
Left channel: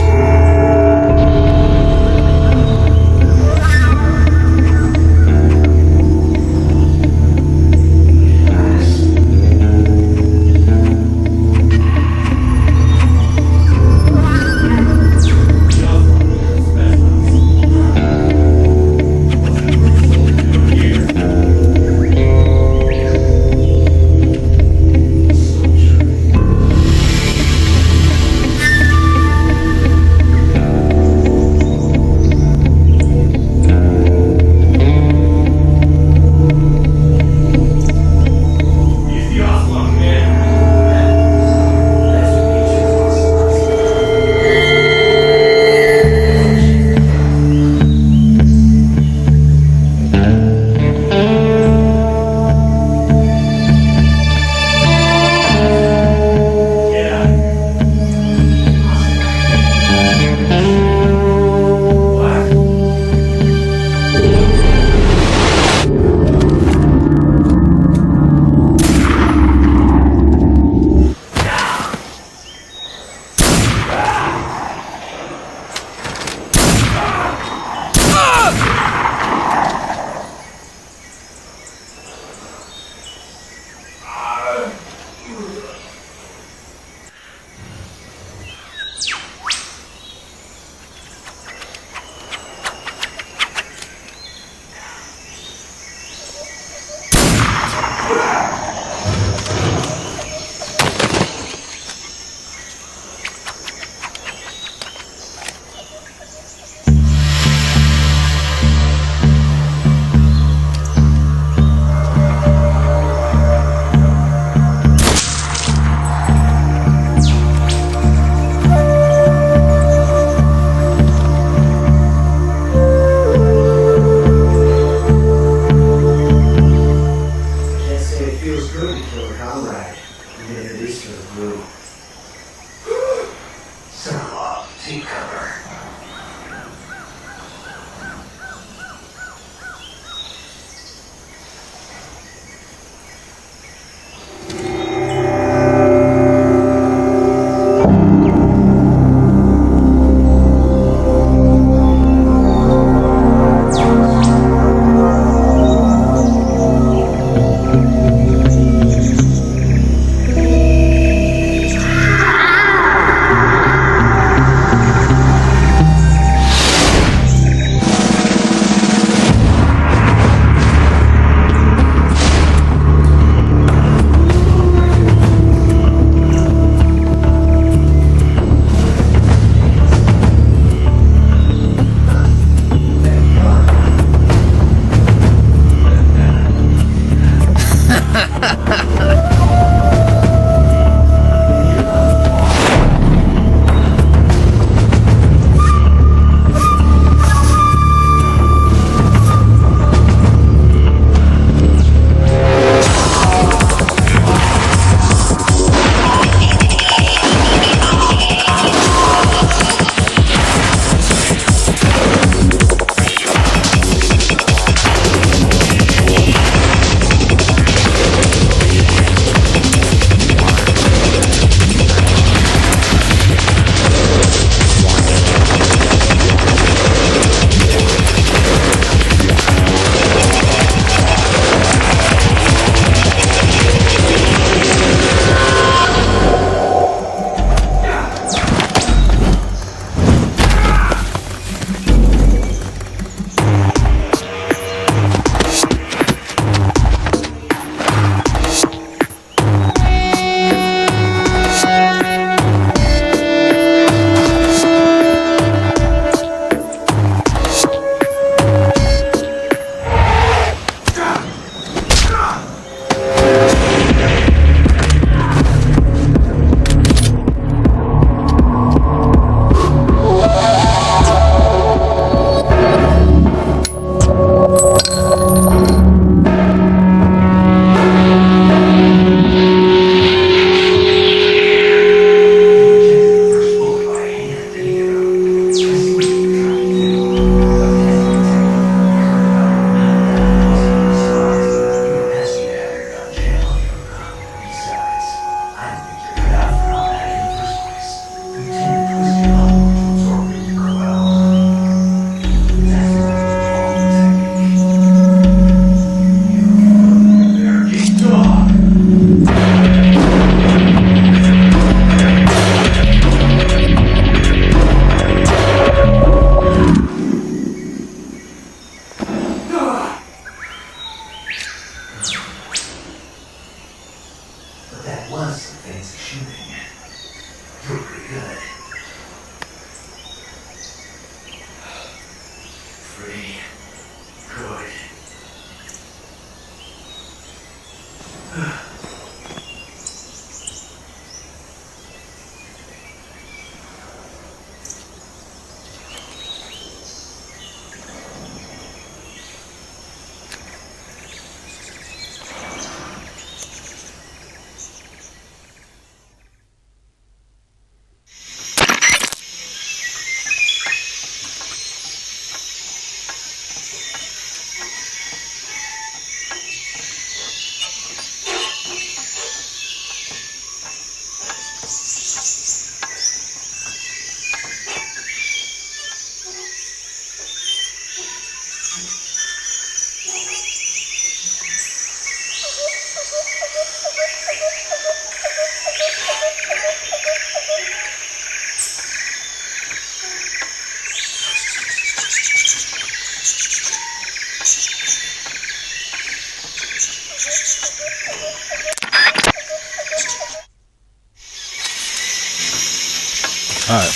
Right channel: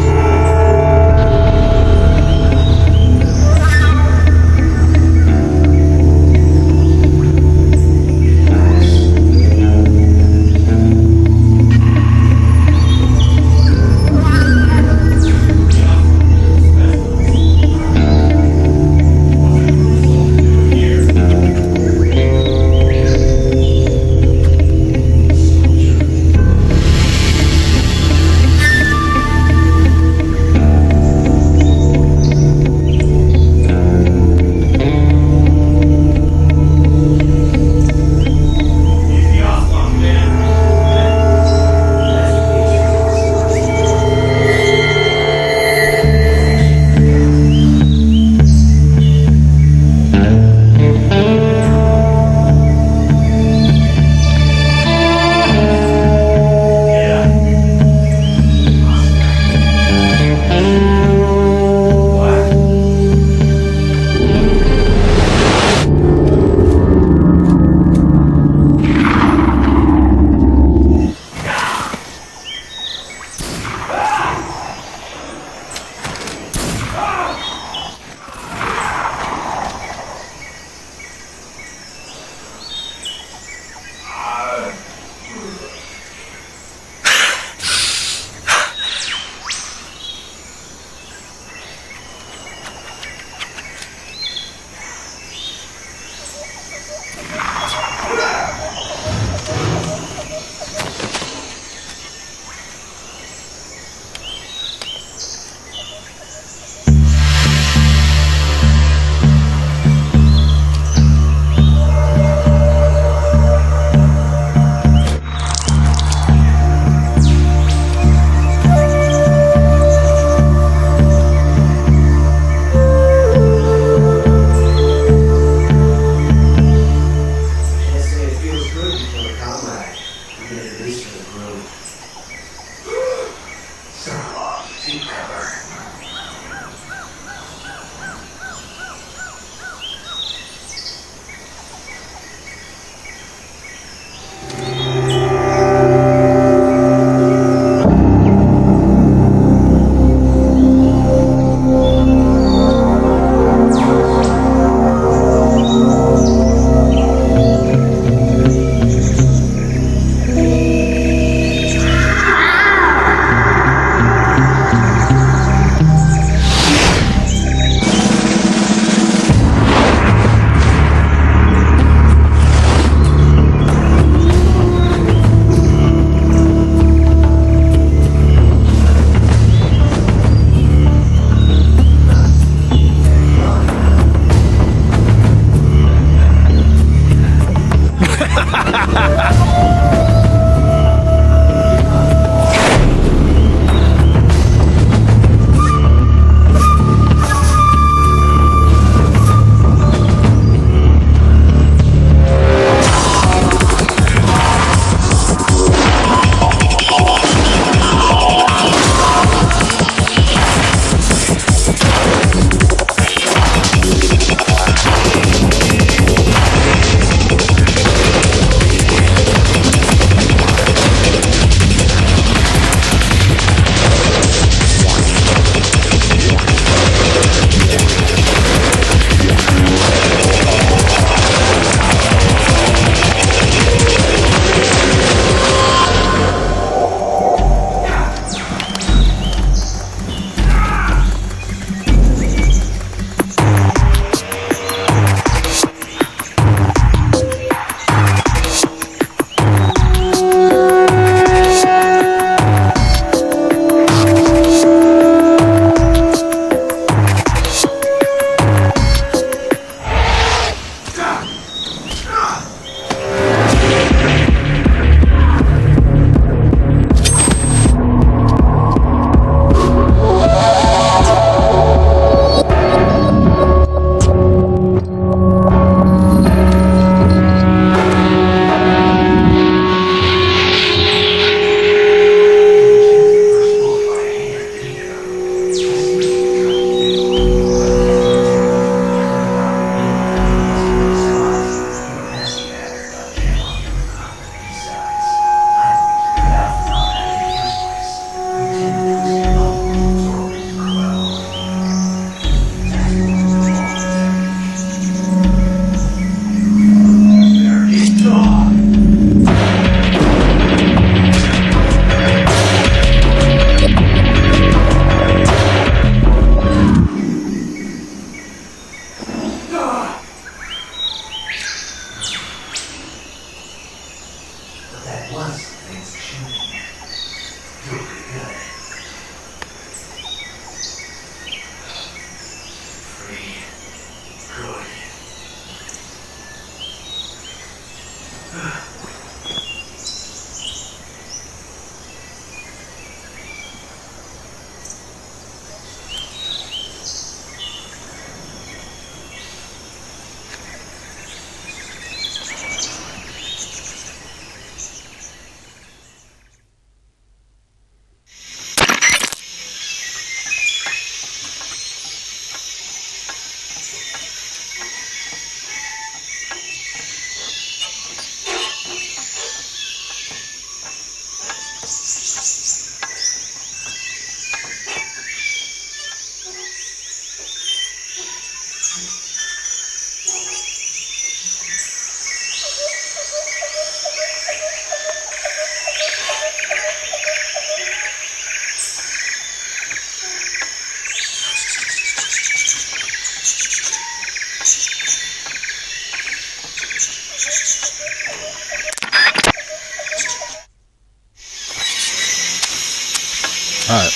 Alright.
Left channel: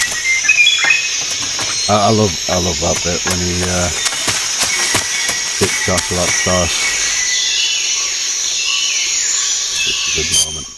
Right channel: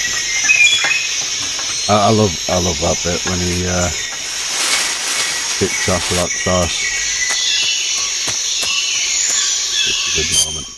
I love that bit when he kicks Ocelot sauce. It's a good moment.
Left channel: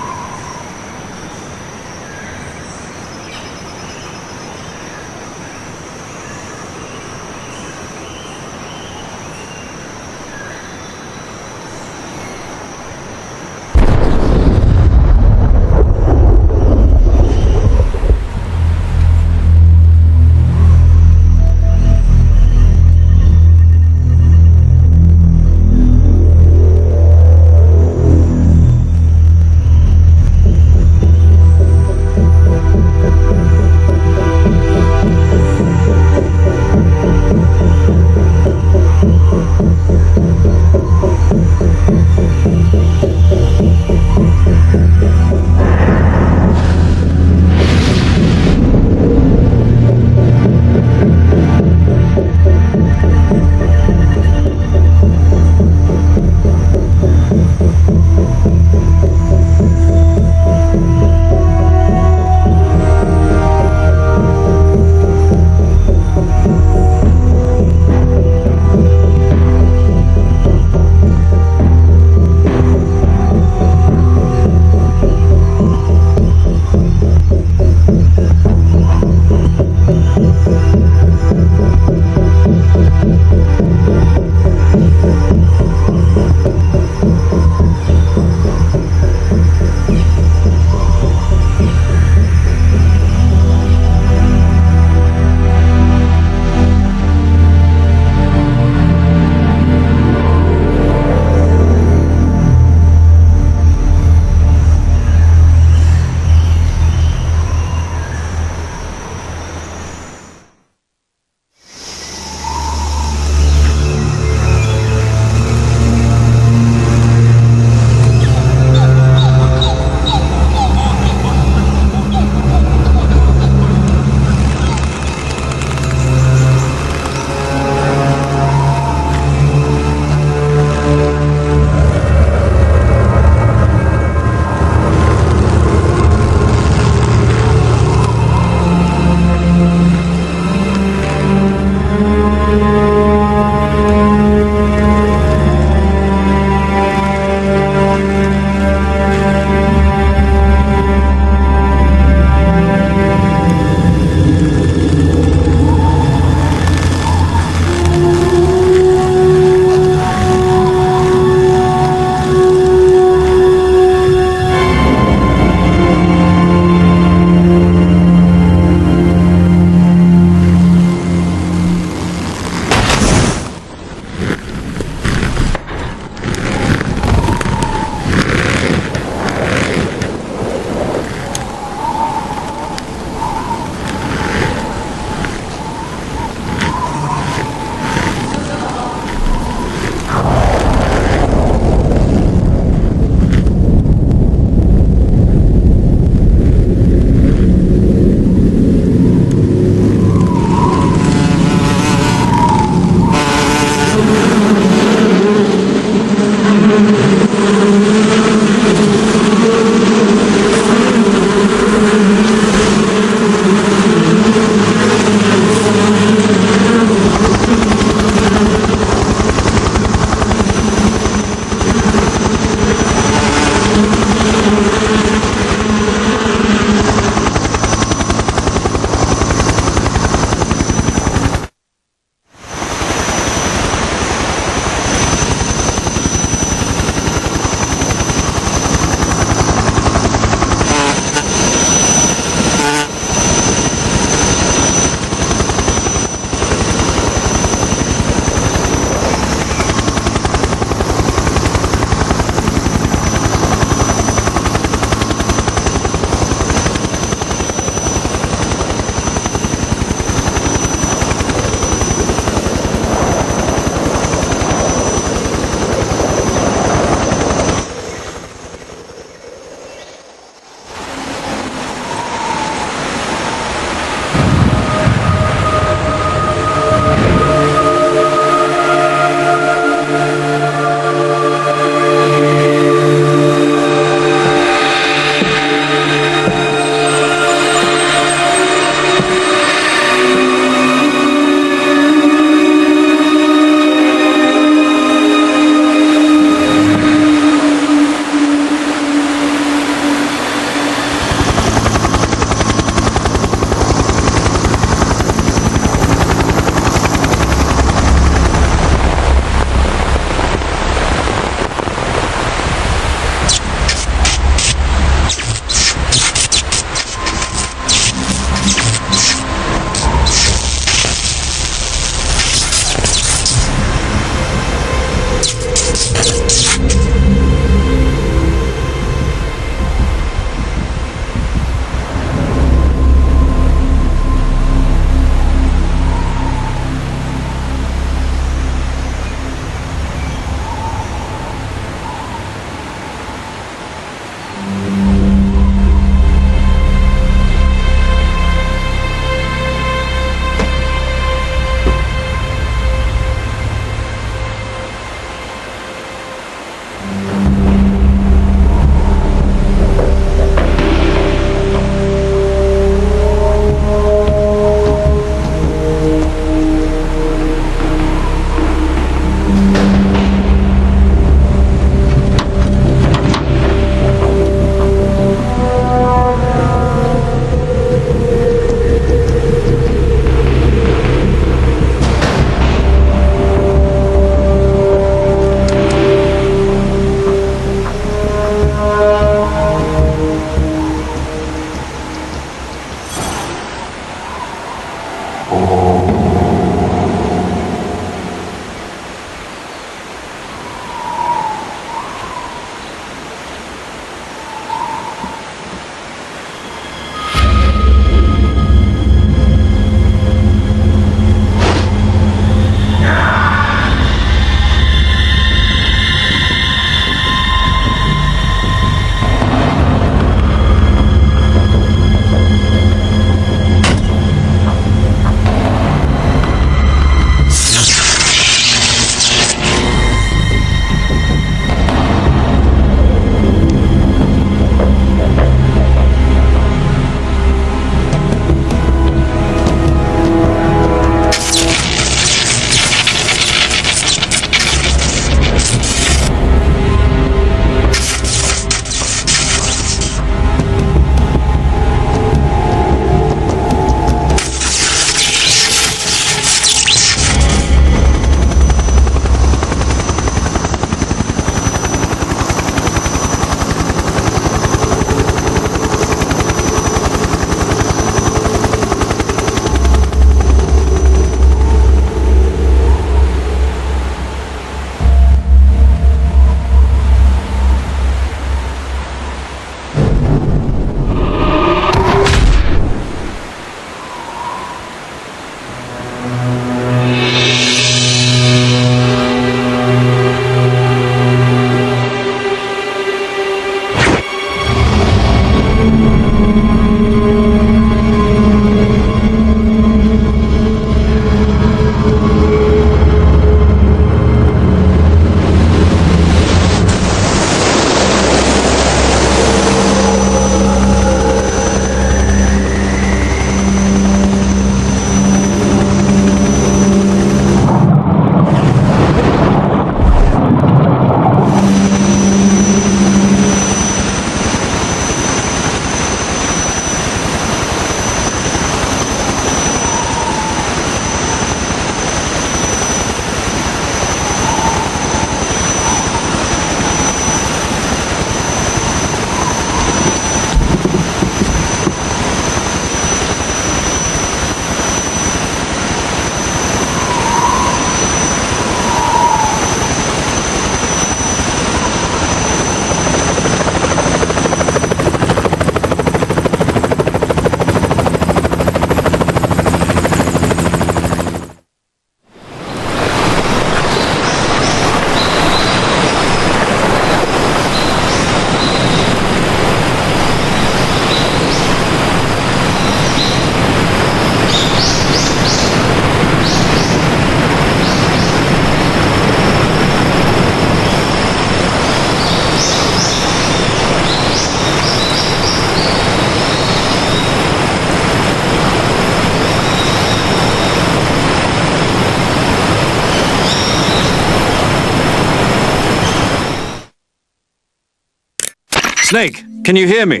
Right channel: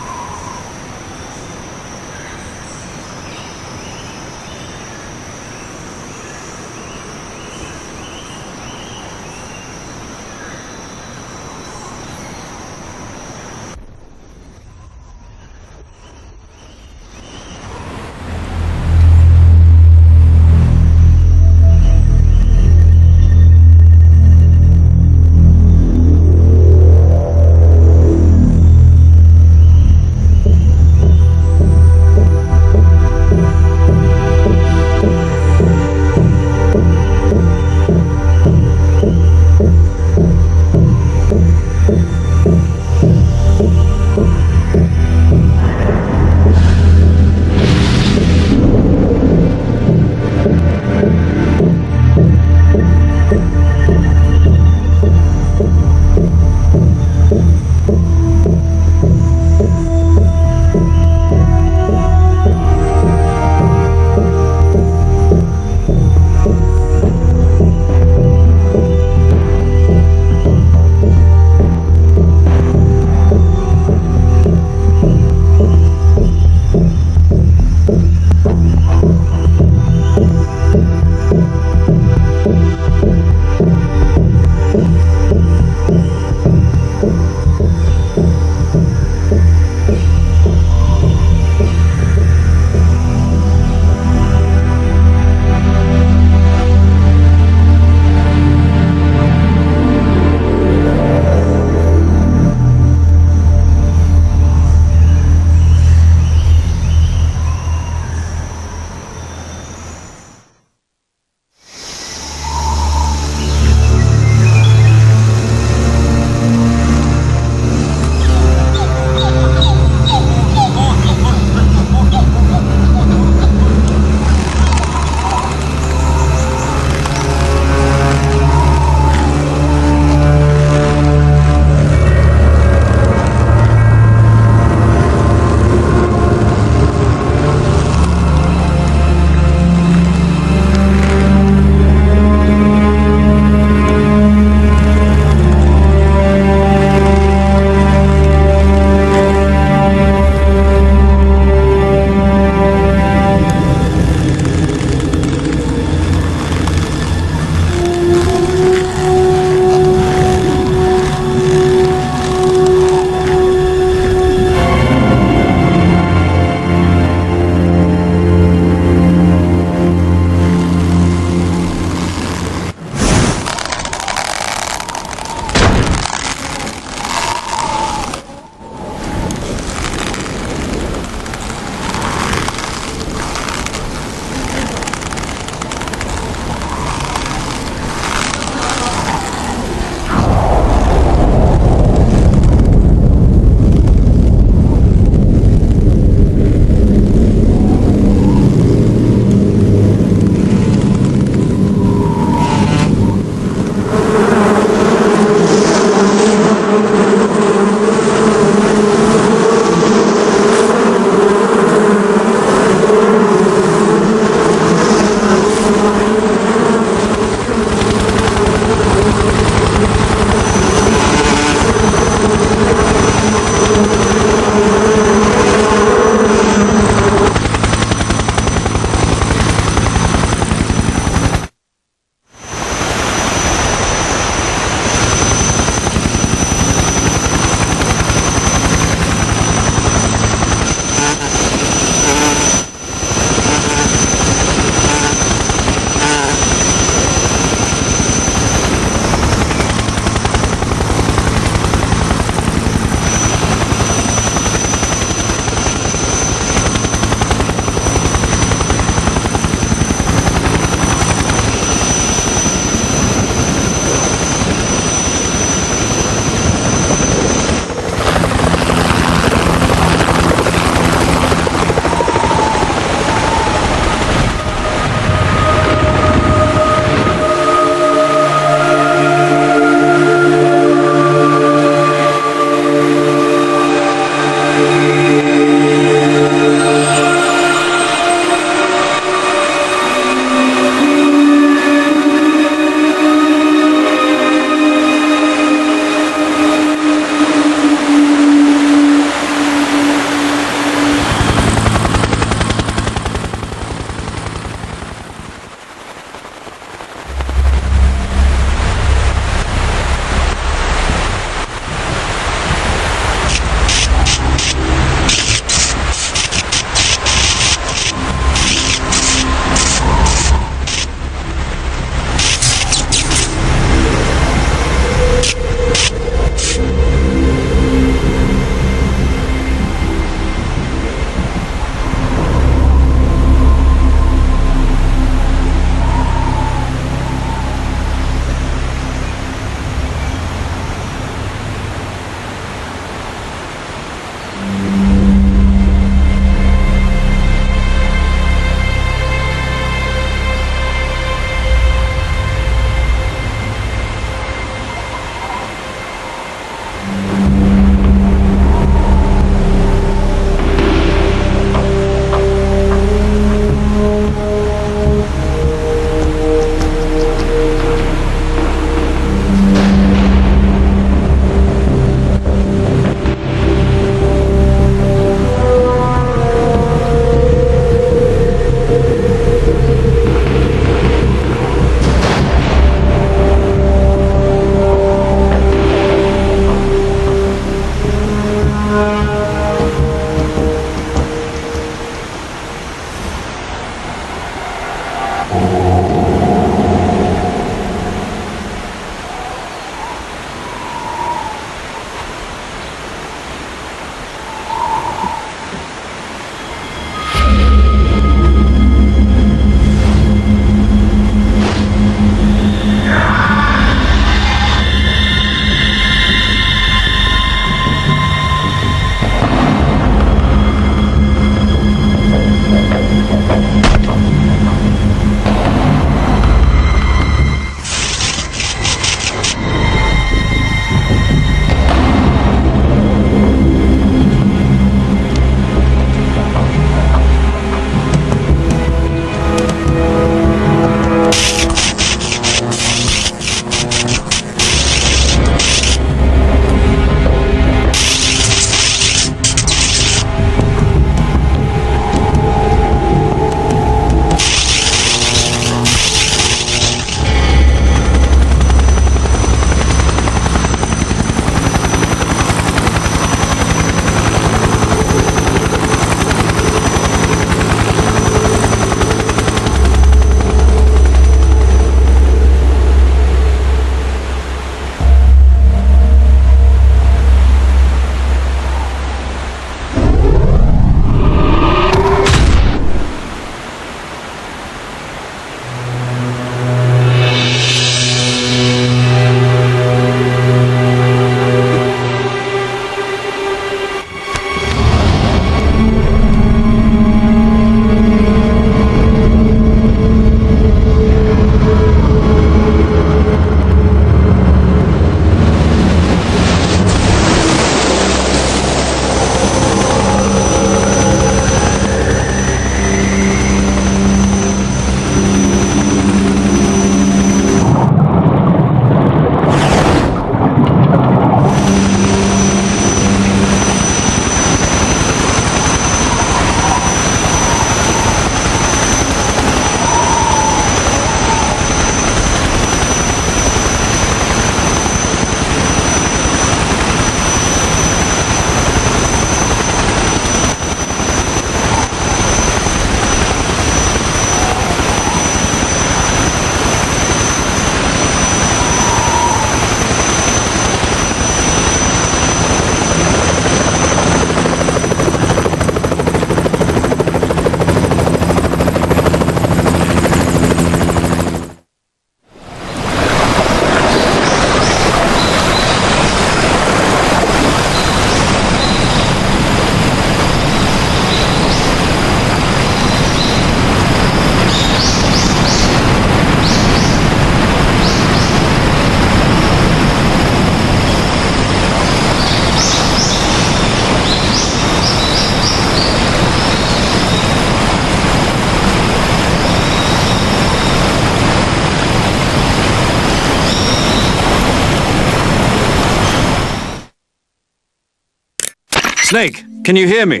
Snake, can you hear me?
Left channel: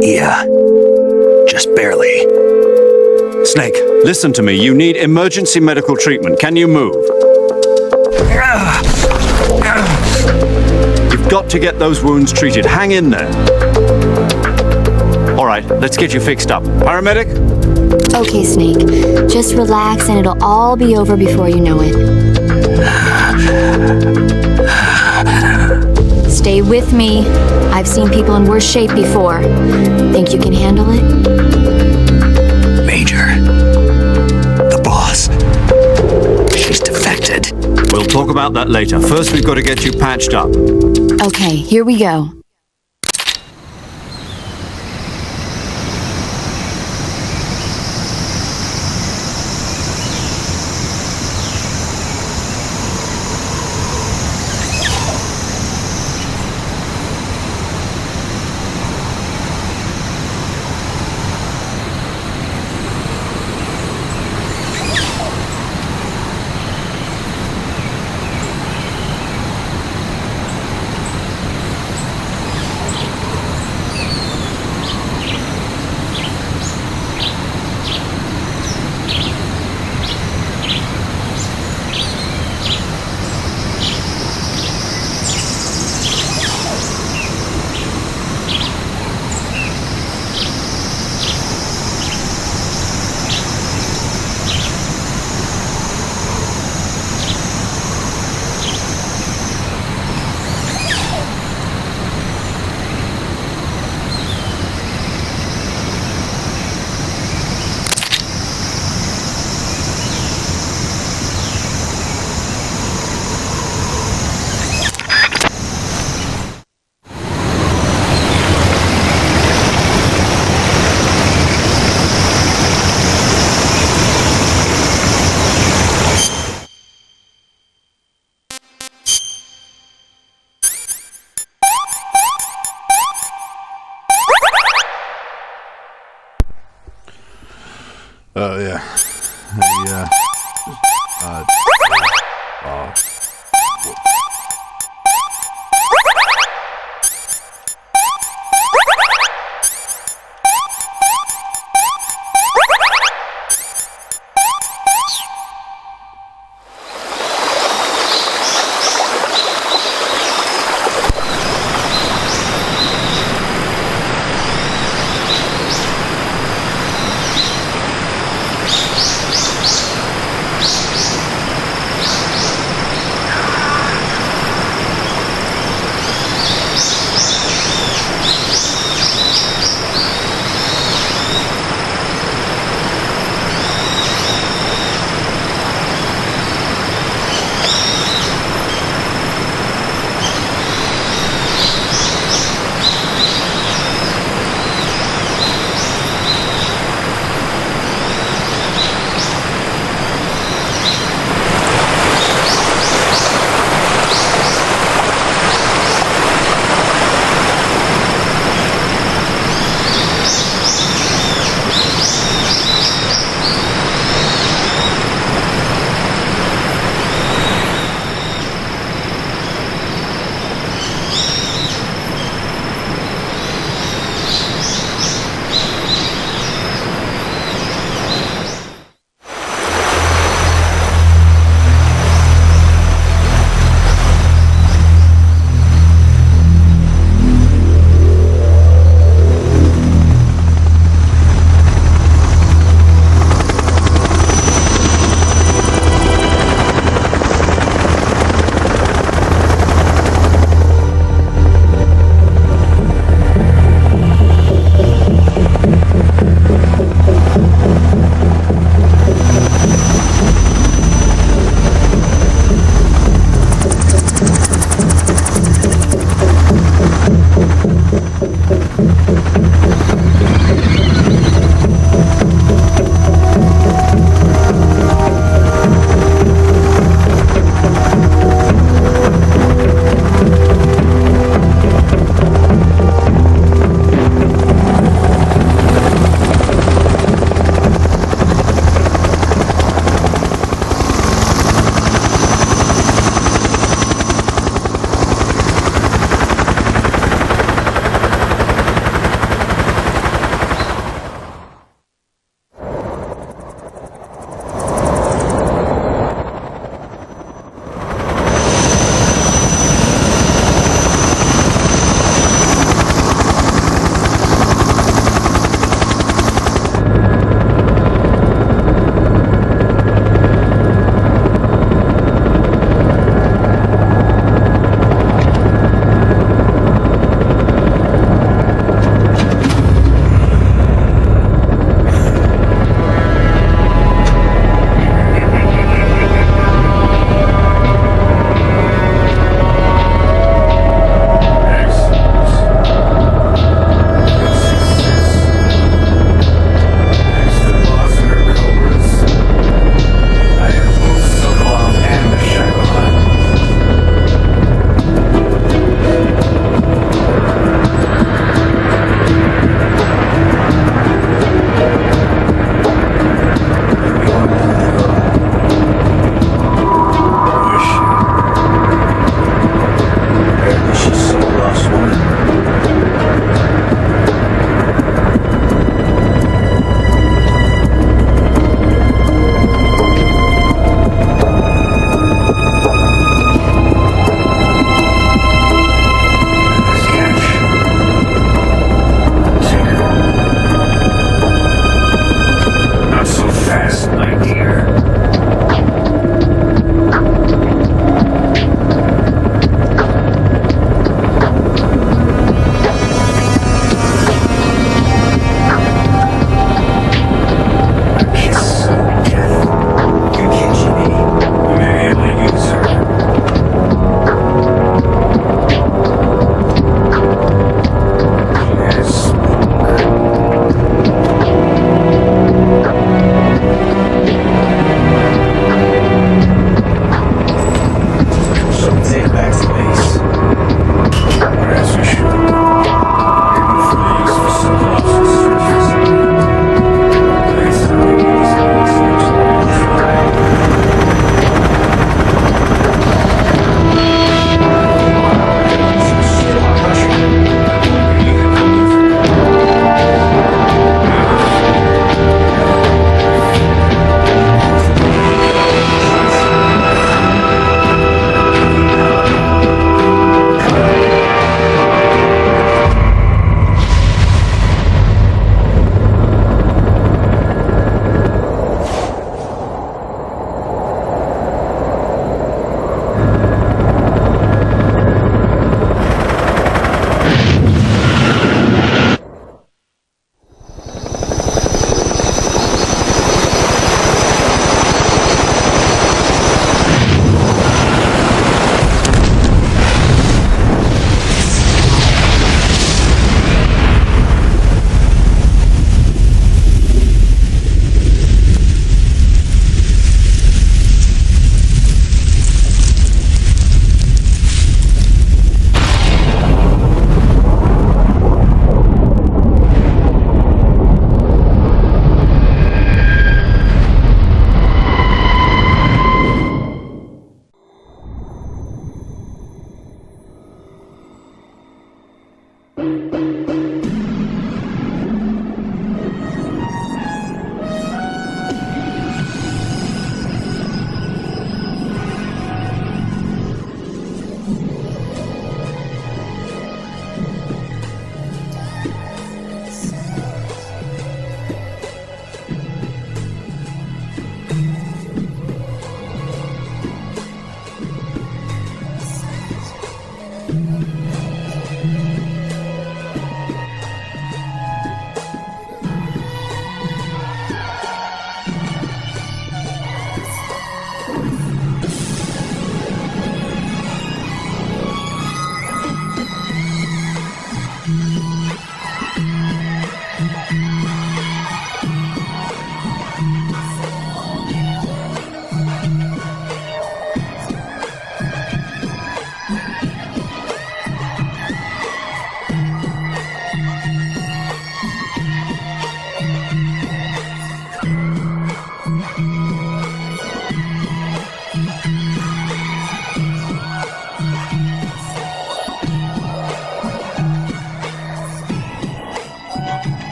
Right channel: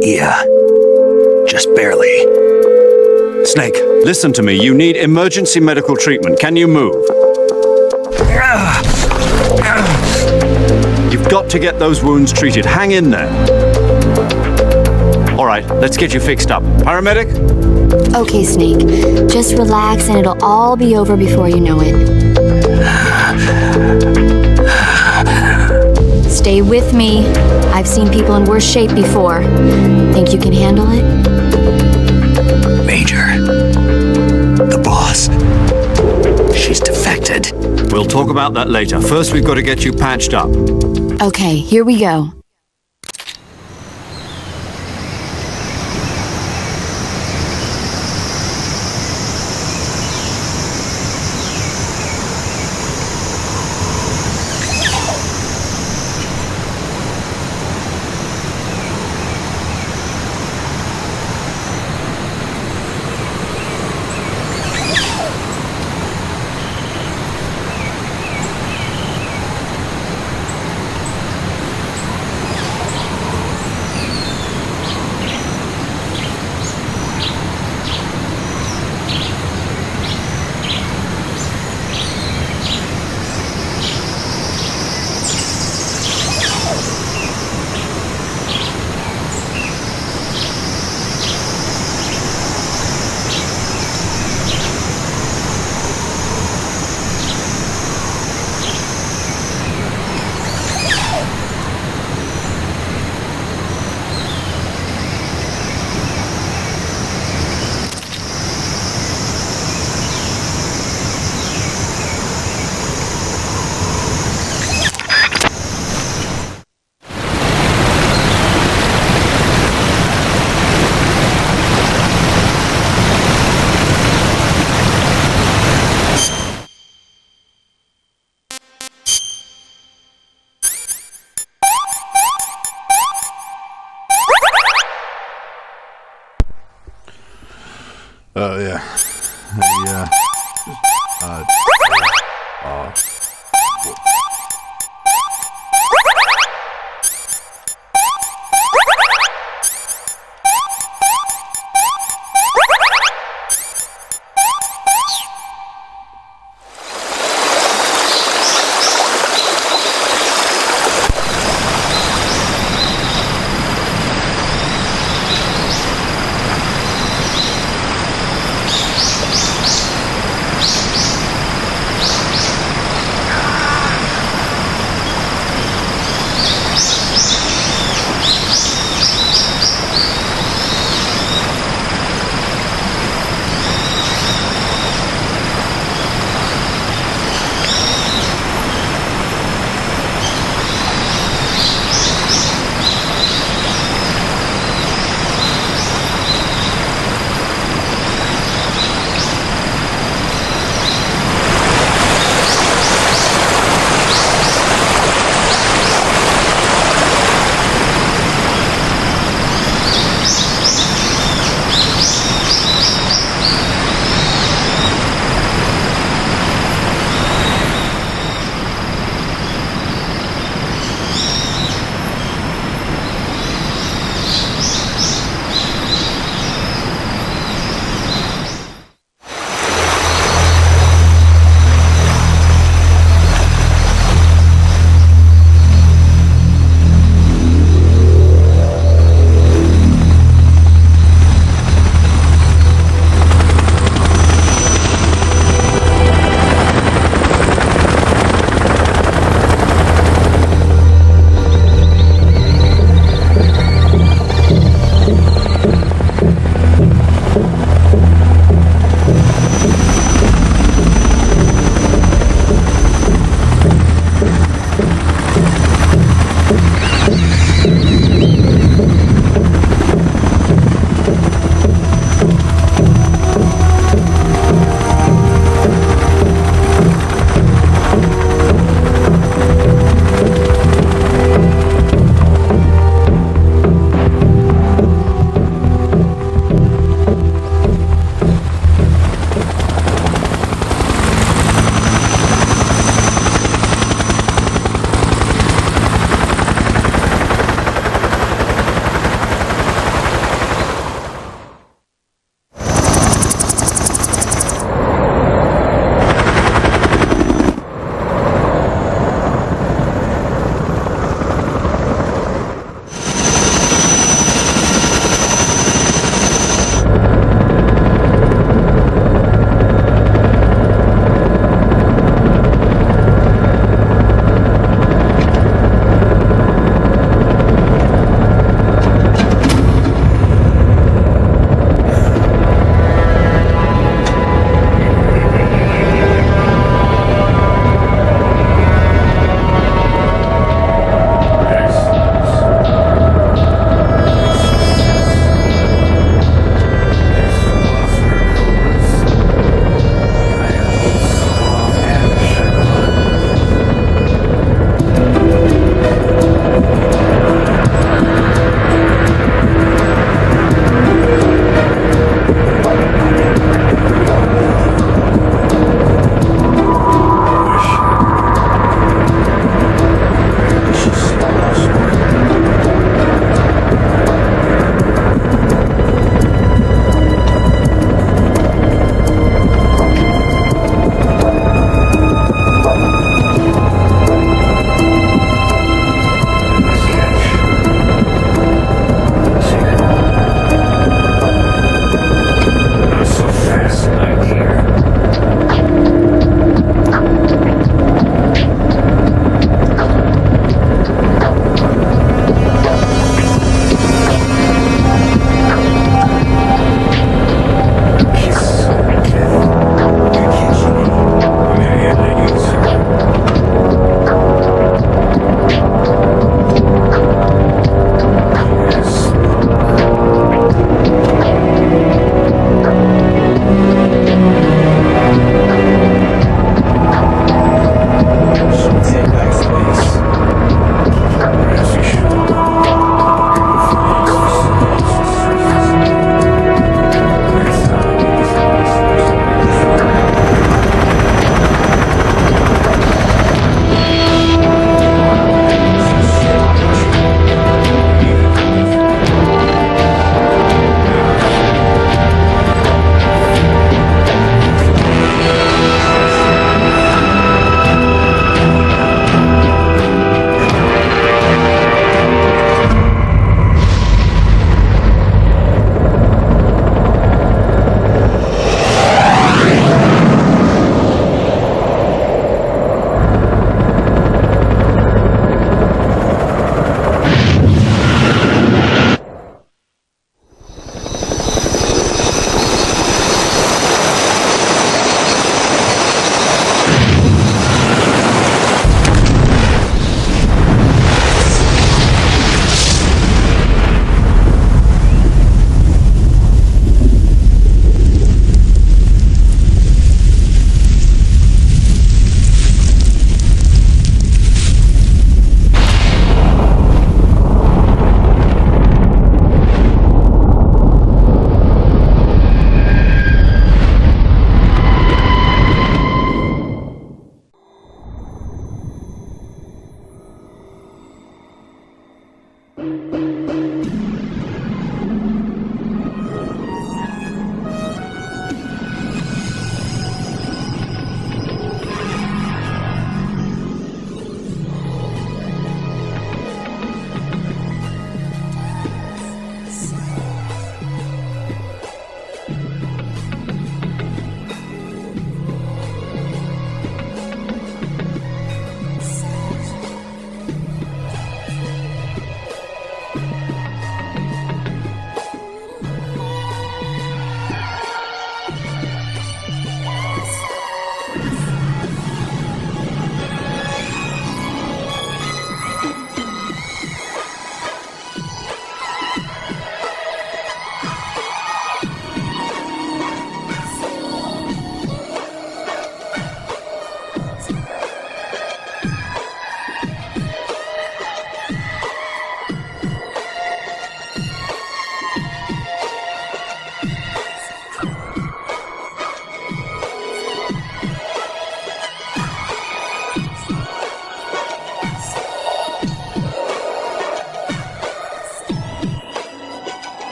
Yeah, just barely. Snake, listen to me. You need emergency medical treatment. Can you move? You've got to get those wounds treated. Hang in there. All right, let's get you fixed up. Paramedic? Okay, Snake. Just relax and it'll all be over before you know it. Stay with me. I've seen people in worse shape before. Think you can handle it? Major. The boss. She's defected. We'll talk about that later. First, we've got to get you patched up. Okay, here we go. Oh yeah. Yeah.